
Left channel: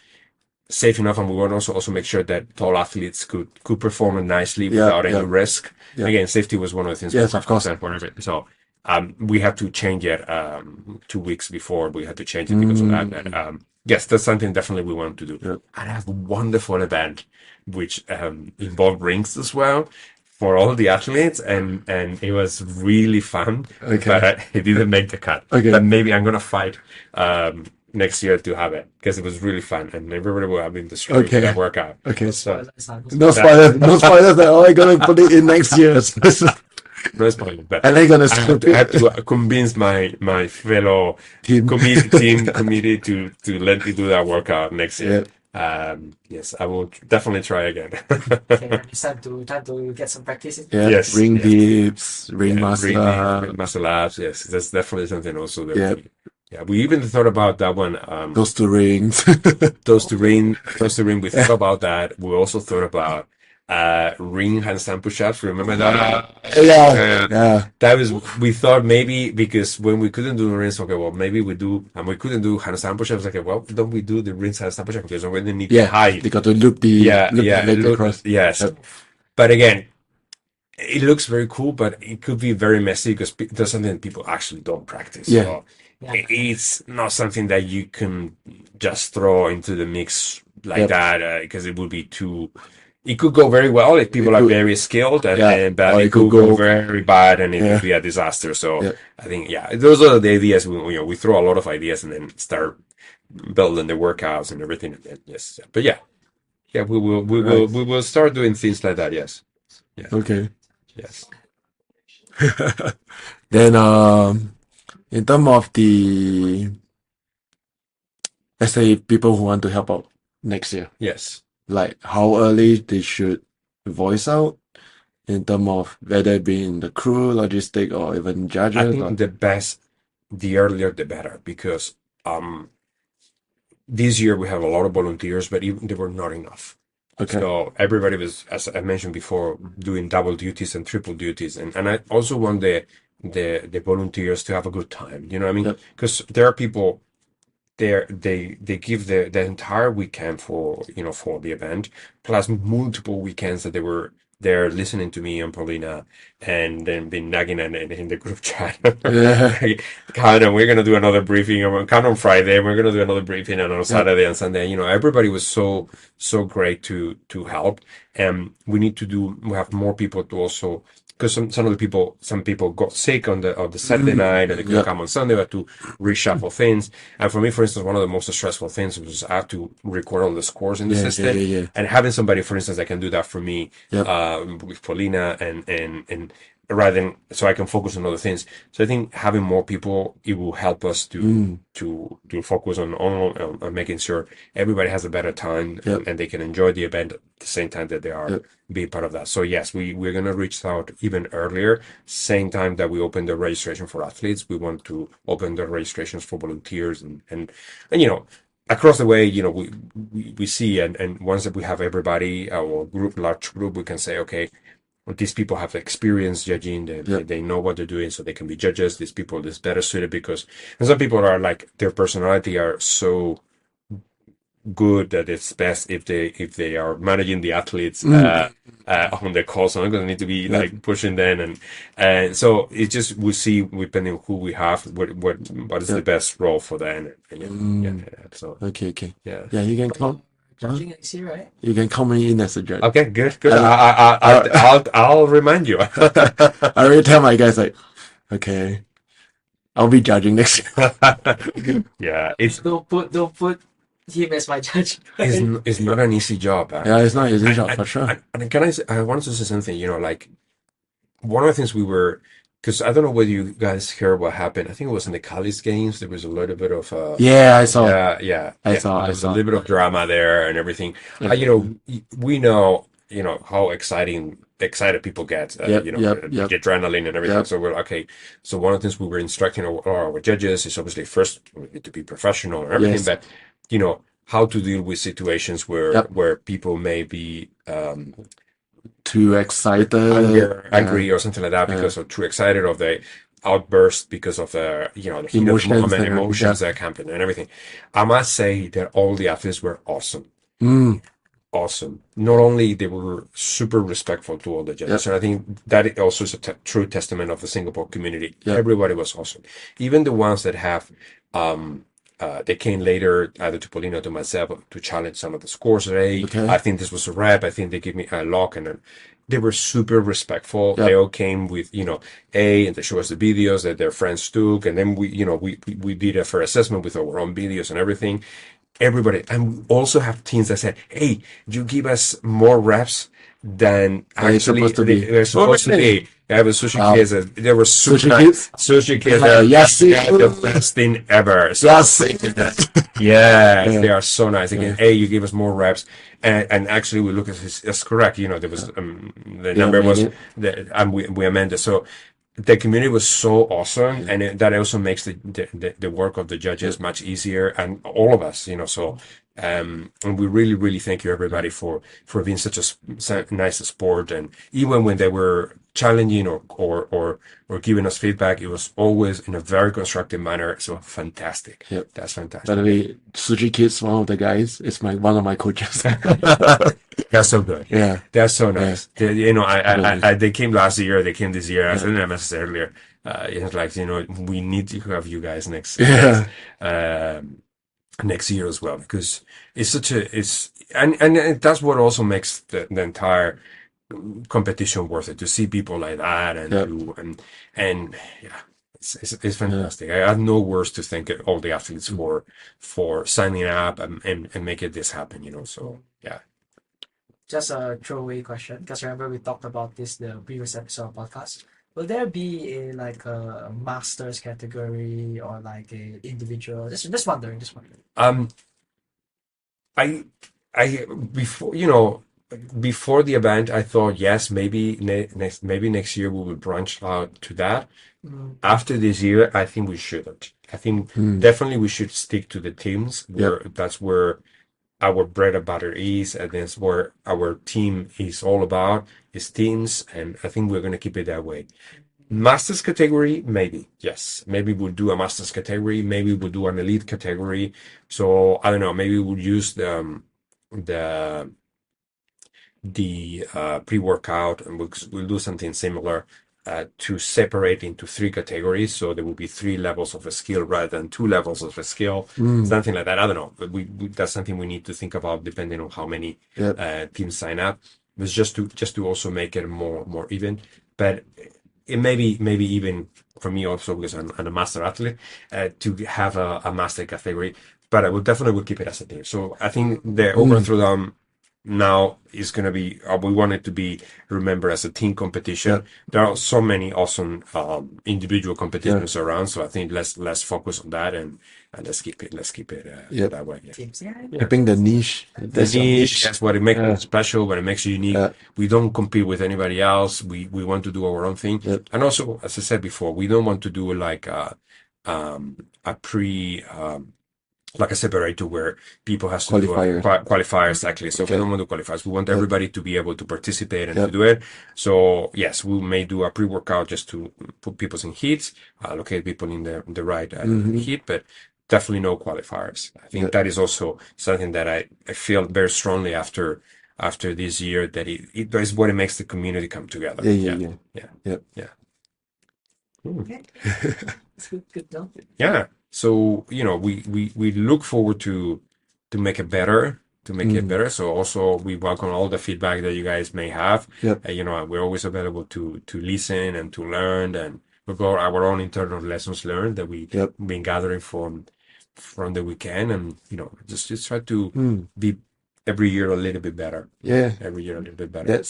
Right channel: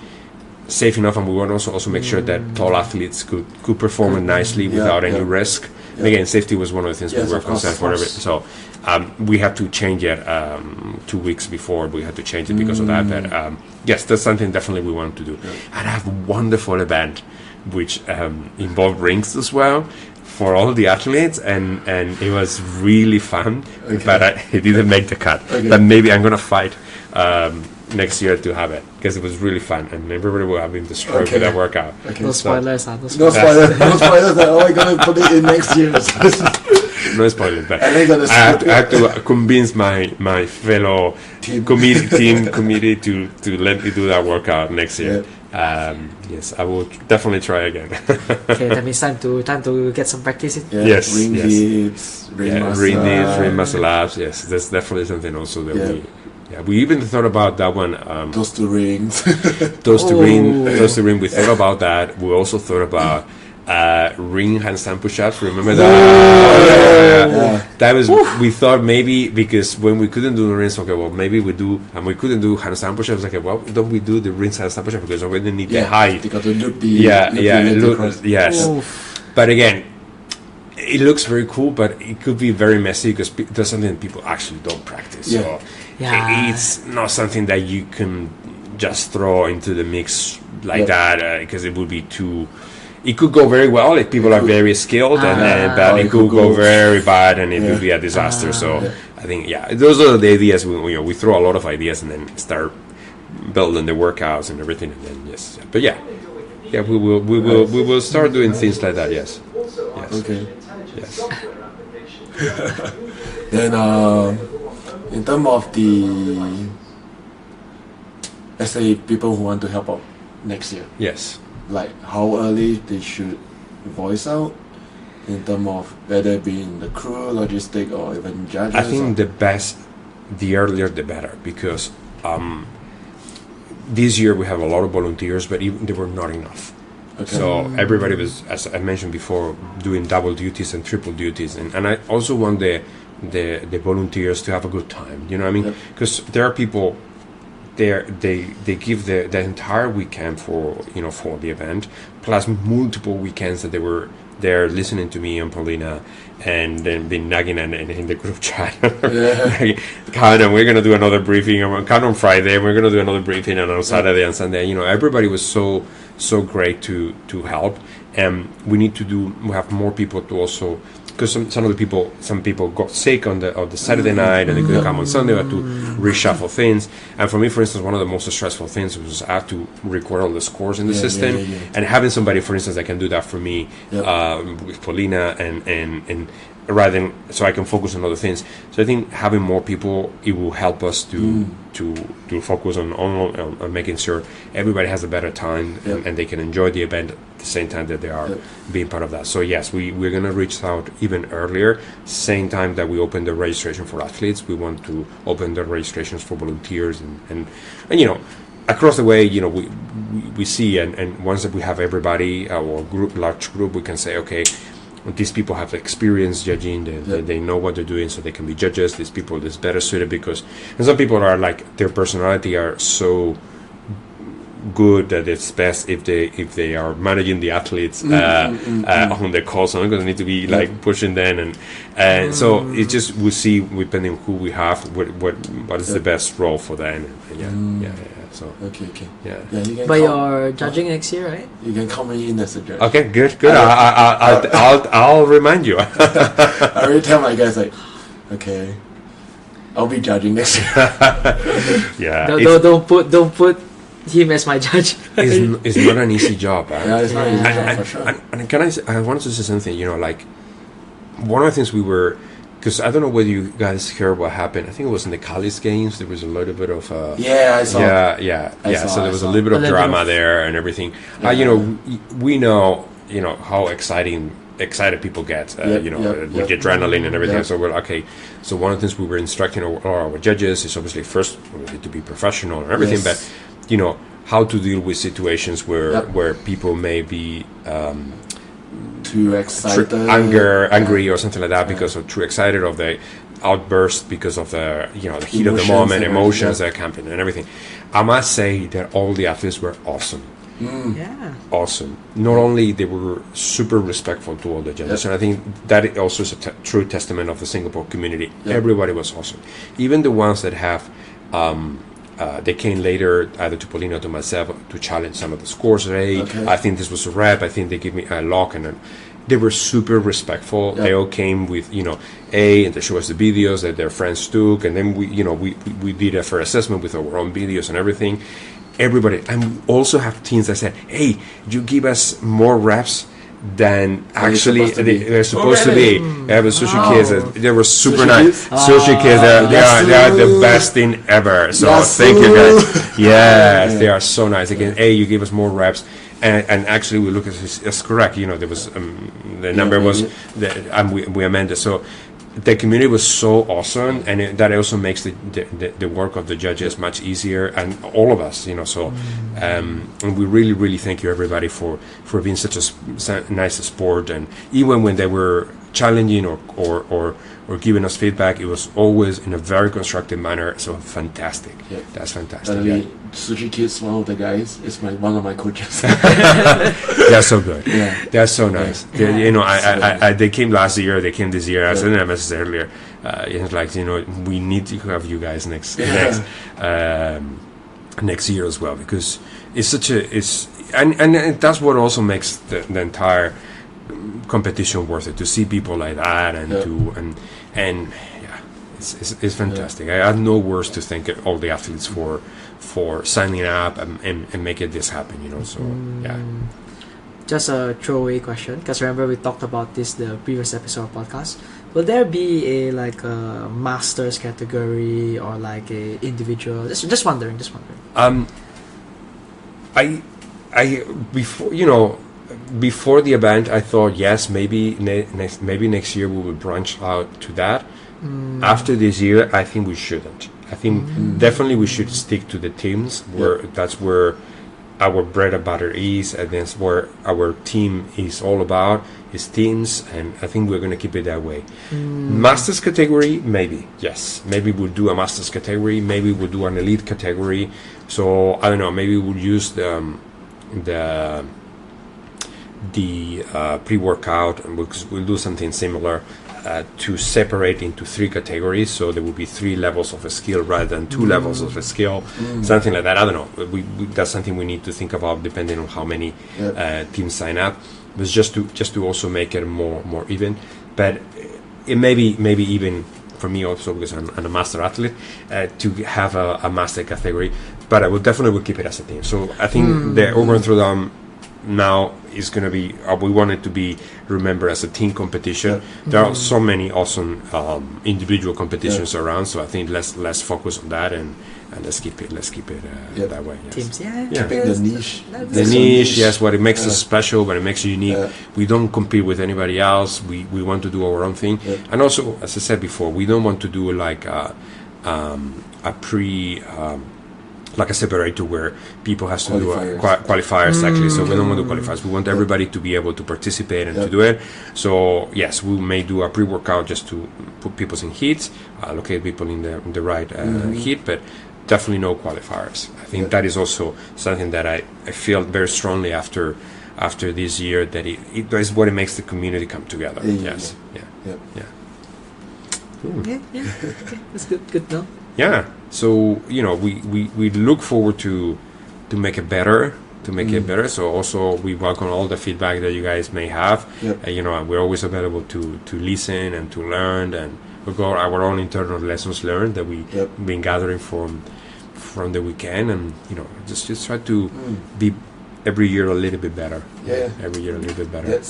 safe enough, and we want to also make sure that tall athletes could perform it nicely without any risk. And again, safety was one of the things we were concerned for. So we had to change it 2 weeks before. We had to change it because of that. But yes, that's something definitely we want to do. And I have a wonderful event which involved rings as well for all the athletes, and it was really fun, but it didn't make the cut. But maybe I'm gonna fight next year to have it, because it was really fun, and everybody will have been destroyed with that workout. No spoilers. No spoilers. I'm gonna put it in next year. No spoilers, but and they're gonna I have to convince my fellow team committee to let me do that workout next year. Yes, I will definitely try again. Okay, that means time to get some practice in. Yes, ring dips, ring muscle ups. Yes, that's definitely something also that we even thought about that one. Those two rings. Those two ring. We thought about that. We also thought about ring handstand push-ups. Remember that? That was we thought maybe because when we couldn't do the rings, maybe we do, and we couldn't do handstand push-ups. Don't we do the rings handstand push-ups because we didn't need the height. They got to look the yes. But again, it looks very cool, but it could be very messy because that's something people actually don't practice. So it's not something that you can just throw into the mix like that because it would be too. It could go very well if people are very skilled, but it could go very bad and it would be a disaster. So I think those are the ideas. We throw a lot of ideas and then start building the workouts and everything, and then we will start doing things like that. Yes. Okay. Yes. Then in terms of the, let's say, people who want to help out next year. Yes. Like how early they should voice out in terms of whether it be in the crew, logistic, or even judges? I think the earlier the better, because this year we have a lot of volunteers, but even they were not enough. So everybody was, as I mentioned before, doing double duties and triple duties, and I also want the volunteers to have a good time. You know what I mean? Because there are people. They give the entire weekend for the event, plus multiple weekends that they were there listening to me and Paulina, and then been nagging in the group chat. We're gonna do another briefing. Count on Friday. We're gonna do another briefing, and on Saturday and Sunday. Everybody was so great to help, and we have more people to also. Because some people got sick on the Saturday night and they couldn't come on Sunday. I had to reshuffle things. And for me, for instance, one of the most stressful things was I have to record all the scores in the system. And having somebody, for instance, that can do that for me with Paulina and rather than so I can focus on other things. So I think having more people, it will help us to focus on making sure everybody has a better time and they can enjoy the event at the same time that they are being part of that. So yes, we're going to reach out even earlier, same time that we open the registration for athletes. We want to open the registrations for volunteers and you know, across the way, you know, we see and once that we have everybody, our large group, we can say, okay, these people have experience judging, they know what they're doing, so they can be judges. These people is better suited because, and some people are like, their personality are so good that it's best if they are managing the athletes on the call. So I'm going to need to be like pushing them, and so it's just we see depending on who we have, what is the best role for them. And so okay. Yeah. You can. But you're judging next year, right? You can call me in as a judge. Okay, good. I'll remind you. I already tell my guys like, okay, I'll be judging next year. Yeah. Don't put him as my judge. It's not an easy job. Yeah, it's not an easy job for sure. And I wanted to say something. You know, like one of the things we were. Because I don't know whether you guys heard what happened. I think it was in the college games. There was a little bit of I saw. Yeah. So there was a little bit of drama there and everything. You know, we know how excited people get. With the adrenaline and everything. So we're okay. So one of the things we were instructing our judges is obviously first we need to be professional and everything, but you know how to deal with situations where people may be. Too excited, angry or something like that because of too excited of the outburst because of the the heat of the moment, emotions that camping and everything. I must say that all the athletes were awesome. Awesome. Not only they were super respectful to all the judges, and I think that also is a true testament of the Singapore community. Everybody was awesome, even the ones that have. They came later, either to Paulina or to myself, to challenge some of the scores. I think this was a rep. I think they gave me a lock, and they were super respectful. They all came with, and they show us the videos that their friends took, and then we did a fair assessment with our own videos and everything. Everybody, and we also have teams that said, "Hey, you give us more reps." Than actually they're supposed to be. I have a sushi kids. They were super nice. Sushi kids, they are the best thing ever. So thank you guys. Yes, they are so nice. Again, you give us more reps, and actually we look at this as correct. There was the number was and we amended. So the community was so awesome, and that also makes the work of the judges much easier, and all of us, So, and we really, really thank you everybody for being such a nice sport, and even when they were challenging or giving us feedback, it was always in a very constructive manner. So fantastic. That's fantastic. By the way, Sushi Kids, one of the guys, is one of my coaches. They're so good. Yeah, they're so nice. They came last year. They came this year. I sent them a message earlier. It's like we need to have you guys next year as well, because it's such and that's what also makes the entire competition worth it, to see people like that and it's fantastic. I have no words to thank all the athletes for signing up and making this happen. So Just a throwaway question, because remember we talked about this the previous episode of podcast. Will there be a masters category or like a individual? Just wondering. I before the event, I thought yes, maybe next year we would branch out to that. After this year, I think we shouldn't. I think definitely we should stick to the teams that's where our bread and butter is, and that's where our team is all about, is teams, and I think we're going to keep it that way. Masters category, maybe, yes. Maybe we'll do a masters category, maybe we'll do an elite category. So, I don't know, maybe we'll use the pre-workout, and we'll do something similar to separate into 3 categories, so there will be 3 levels of a skill rather than 2 levels of a skill, something like that. I don't know. We that's something we need to think about depending on how many teams sign up. But just to also make it more even. But it maybe even for me also, because I'm a master athlete, to have a master category. But I will definitely keep it as a team. So I think the Urban Throwdown now is going to be, we want it to be remembered as a team competition. There are so many awesome individual competitions around, so I think let's focus on that and let's keep it that way. Yes. Teams, Keeping the niche. The niche, yes, what it makes us special, what it makes you unique. We don't compete with anybody else. We want to do our own thing, and also, as I said before, we don't want to do like a like a separator where people have to do qualifiers actually. So we don't want to do qualifiers. We want everybody to be able to participate and to do it. So yes, we may do a pre-workout just to put people in heats, locate people in the right heat, but definitely no qualifiers. I think that is also something that I feel very strongly after this year, that it is what it makes the community come together. Yeah. That's good now. Yeah. So we look forward to make it better. So also we welcome all the feedback that you guys may have. We're always available to listen and to learn, and we've got our own internal lessons learned that we've been gathering from the weekend, and just try to be every year a little bit better. Every year a little bit better.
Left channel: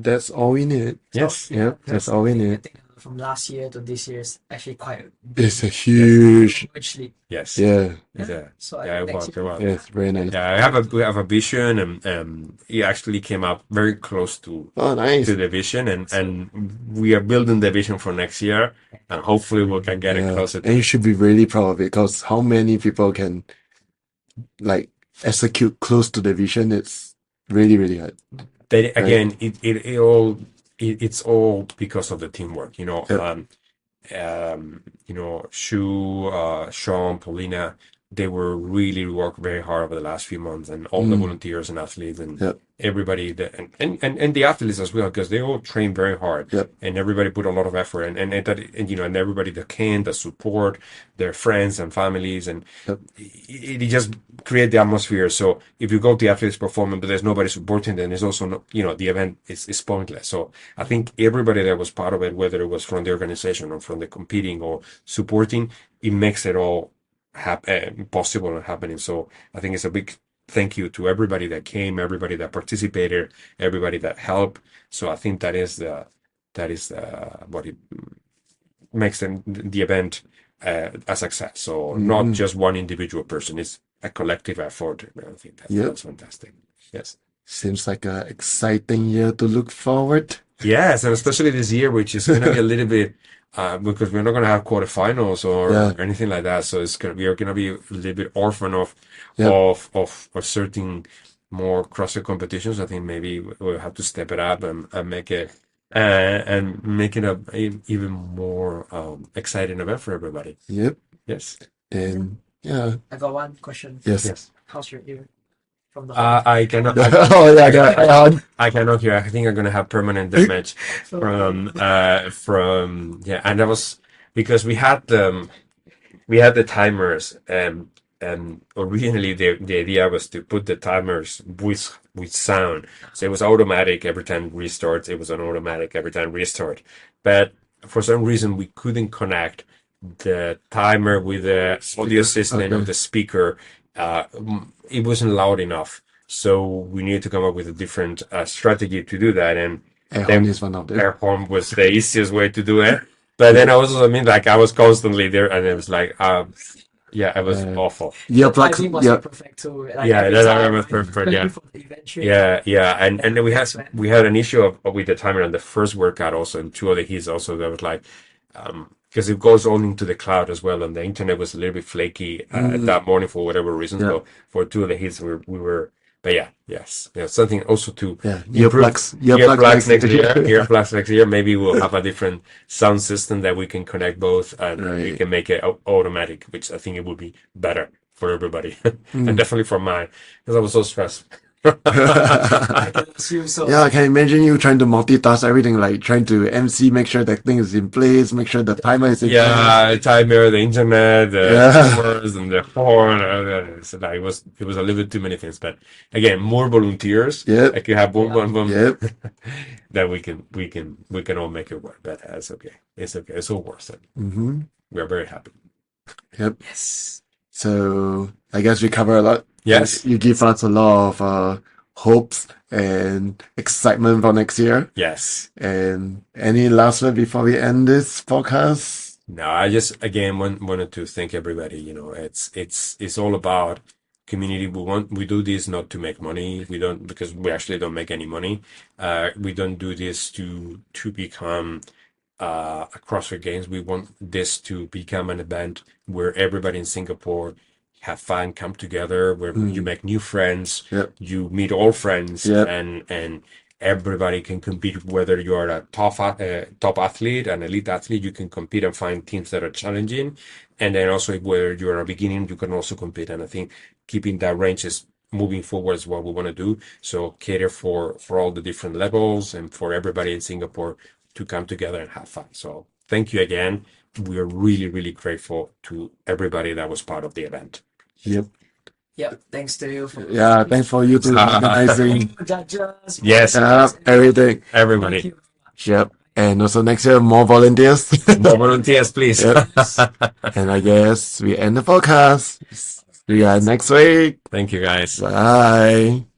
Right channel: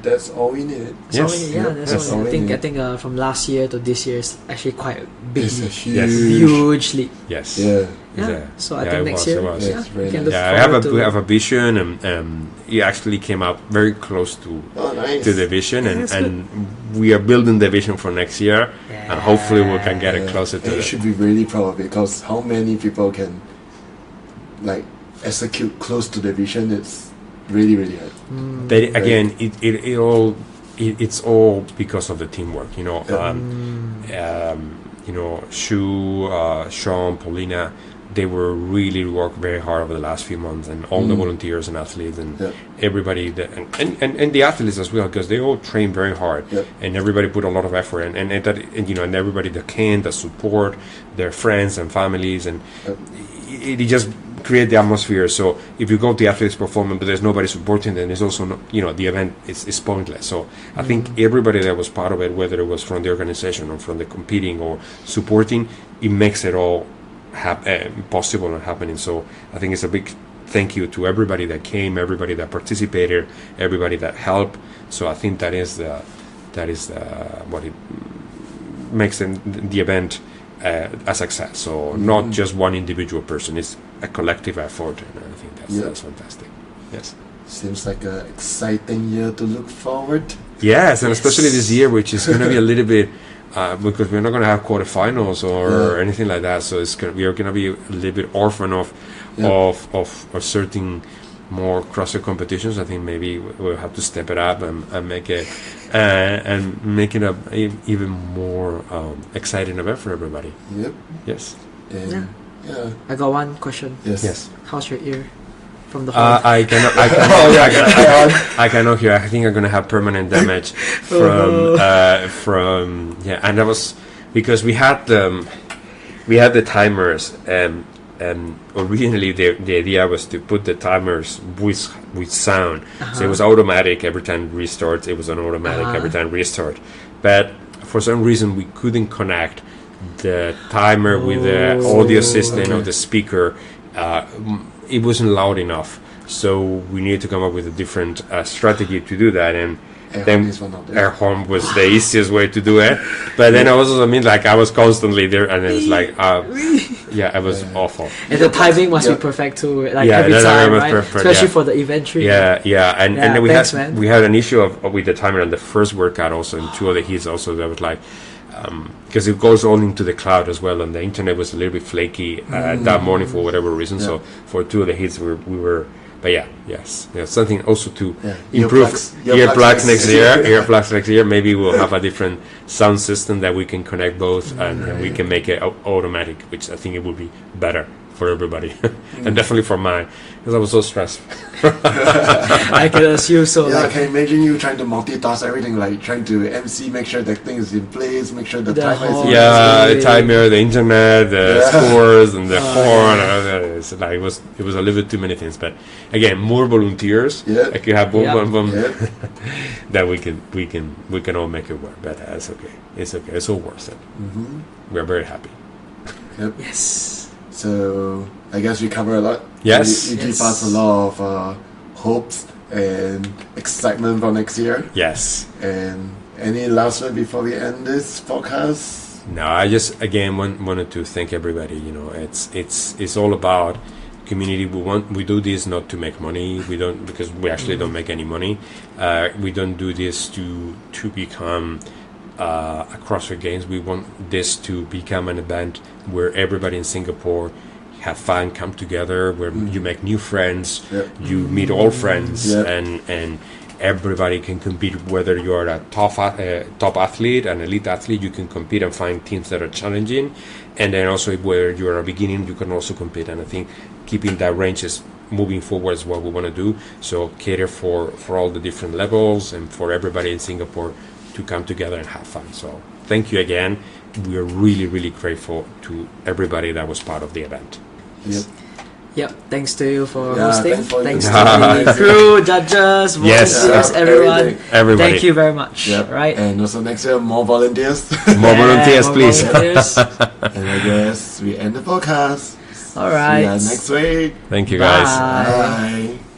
That's all we need. That's all we need. I think from last year to this year is actually quite big. It's a huge leap. Yes. So I think next year. I have a vision, and it actually came out very close to the vision, and we are building the vision for next year, and hopefully we can get it closer to it. And you should be really proud of it, because how many people can like execute close to the vision? It's really, really hard. But again, it's all because of the teamwork. Shu, Sean, Paulina, they were really worked very hard over the last few months, and all the volunteers and athletes and everybody and the athletes as well, because they all train very hard, and everybody put a lot of effort, and everybody that can, that support their friends and families, and it just create the atmosphere. So if you go to the athletes performing but there's nobody supporting, then it's also the event is pointless. So I think everybody that was part of it, whether it was from the organization or from the competing or supporting, it makes it all possible and happening. So I think it's a big thank you to everybody that came, everybody that participated, everybody that helped. So I think that is what it makes the event a success. So not just one individual person, it's a collective effort, and I think that's fantastic. Yes. Seems like an exciting year to look forward. Yes, and especially this year, which is going to be a little bit because we're not going to have quarterfinals or anything like that. So we are going to be a little bit orphan of certain more CrossFit competitions. I think maybe we'll have to step it up and make it an even more exciting event for everybody. Yes. And I got one question. Yes. How's your ear from the horn? I cannot hear. I think I'm gonna have permanent damage from and that was because we had the timers, and originally the idea was to put the timers with sound, so it was automatic every time it restarts. It was an automatic every time restart, but for some reason we couldn't connect the timer with the audio system of the speaker. It wasn't loud enough, so we needed to come up with a different strategy to do that, and then air horn was the easiest way to do it. But then I was constantly there, and it was like it was awful. And the timing must be perfect too, every time, right? Perfect, especially for the event. And then we had an issue with the timer on the first workout also, and two of the heats also. That was like because it goes all into the cloud as well, and the internet was a little bit flaky that morning for whatever reason. So for two of the hits we were, but something also to improve earplugs next year. Earplugs next year, maybe we'll have a different sound system that we can connect both, and we can make it automatic, which I think it will be better for everybody, and definitely for mine, because I was so stressed. I can assume so. I can imagine you trying to multitask everything, like trying to MC, make sure that thing is in place, make sure the timer is in place. The timer, the internet, the scores, and the horn. It's like it was a little bit too many things. But again, more volunteers. I can have one. That we can all make it work. But it's okay. It's okay. It's all worth it. We are very happy. Yes. So I guess we cover a lot. Yes. You give us a lot of hopes and excitement for next year. Yes. And any last word before we end this podcast? No, I just again wanted to thank everybody. You know, it's all about community. We do this not to make money. We don't, because we actually don't make any money. We don't do this to become a CrossFit Games. We want this to become an event where everybody in Singapore have fun, come together, where you make new friends, you meet old friends, and everybody can compete. Whether you are a top athlete, an elite athlete, you can compete and find teams that are challenging. And then also where you're a beginning, you can also compete. And I think keeping that range is moving forward is what we want to do. So cater for all the different levels and for everybody in Singapore to come together and have fun. So thank you again. We are really, really grateful to everybody that was part of the event. Yep, thanks to you for Yeah, hosting. thanks for Thanks you to too. the crew, judges, Yes. volunteers, everyone. Everybody. Thank you very much. Yep. Right? And also next year, more volunteers. More volunteers, more please. volunteers. And I guess we end the podcast. All right. See ya next week. Thank you, guys. Bye. Bye.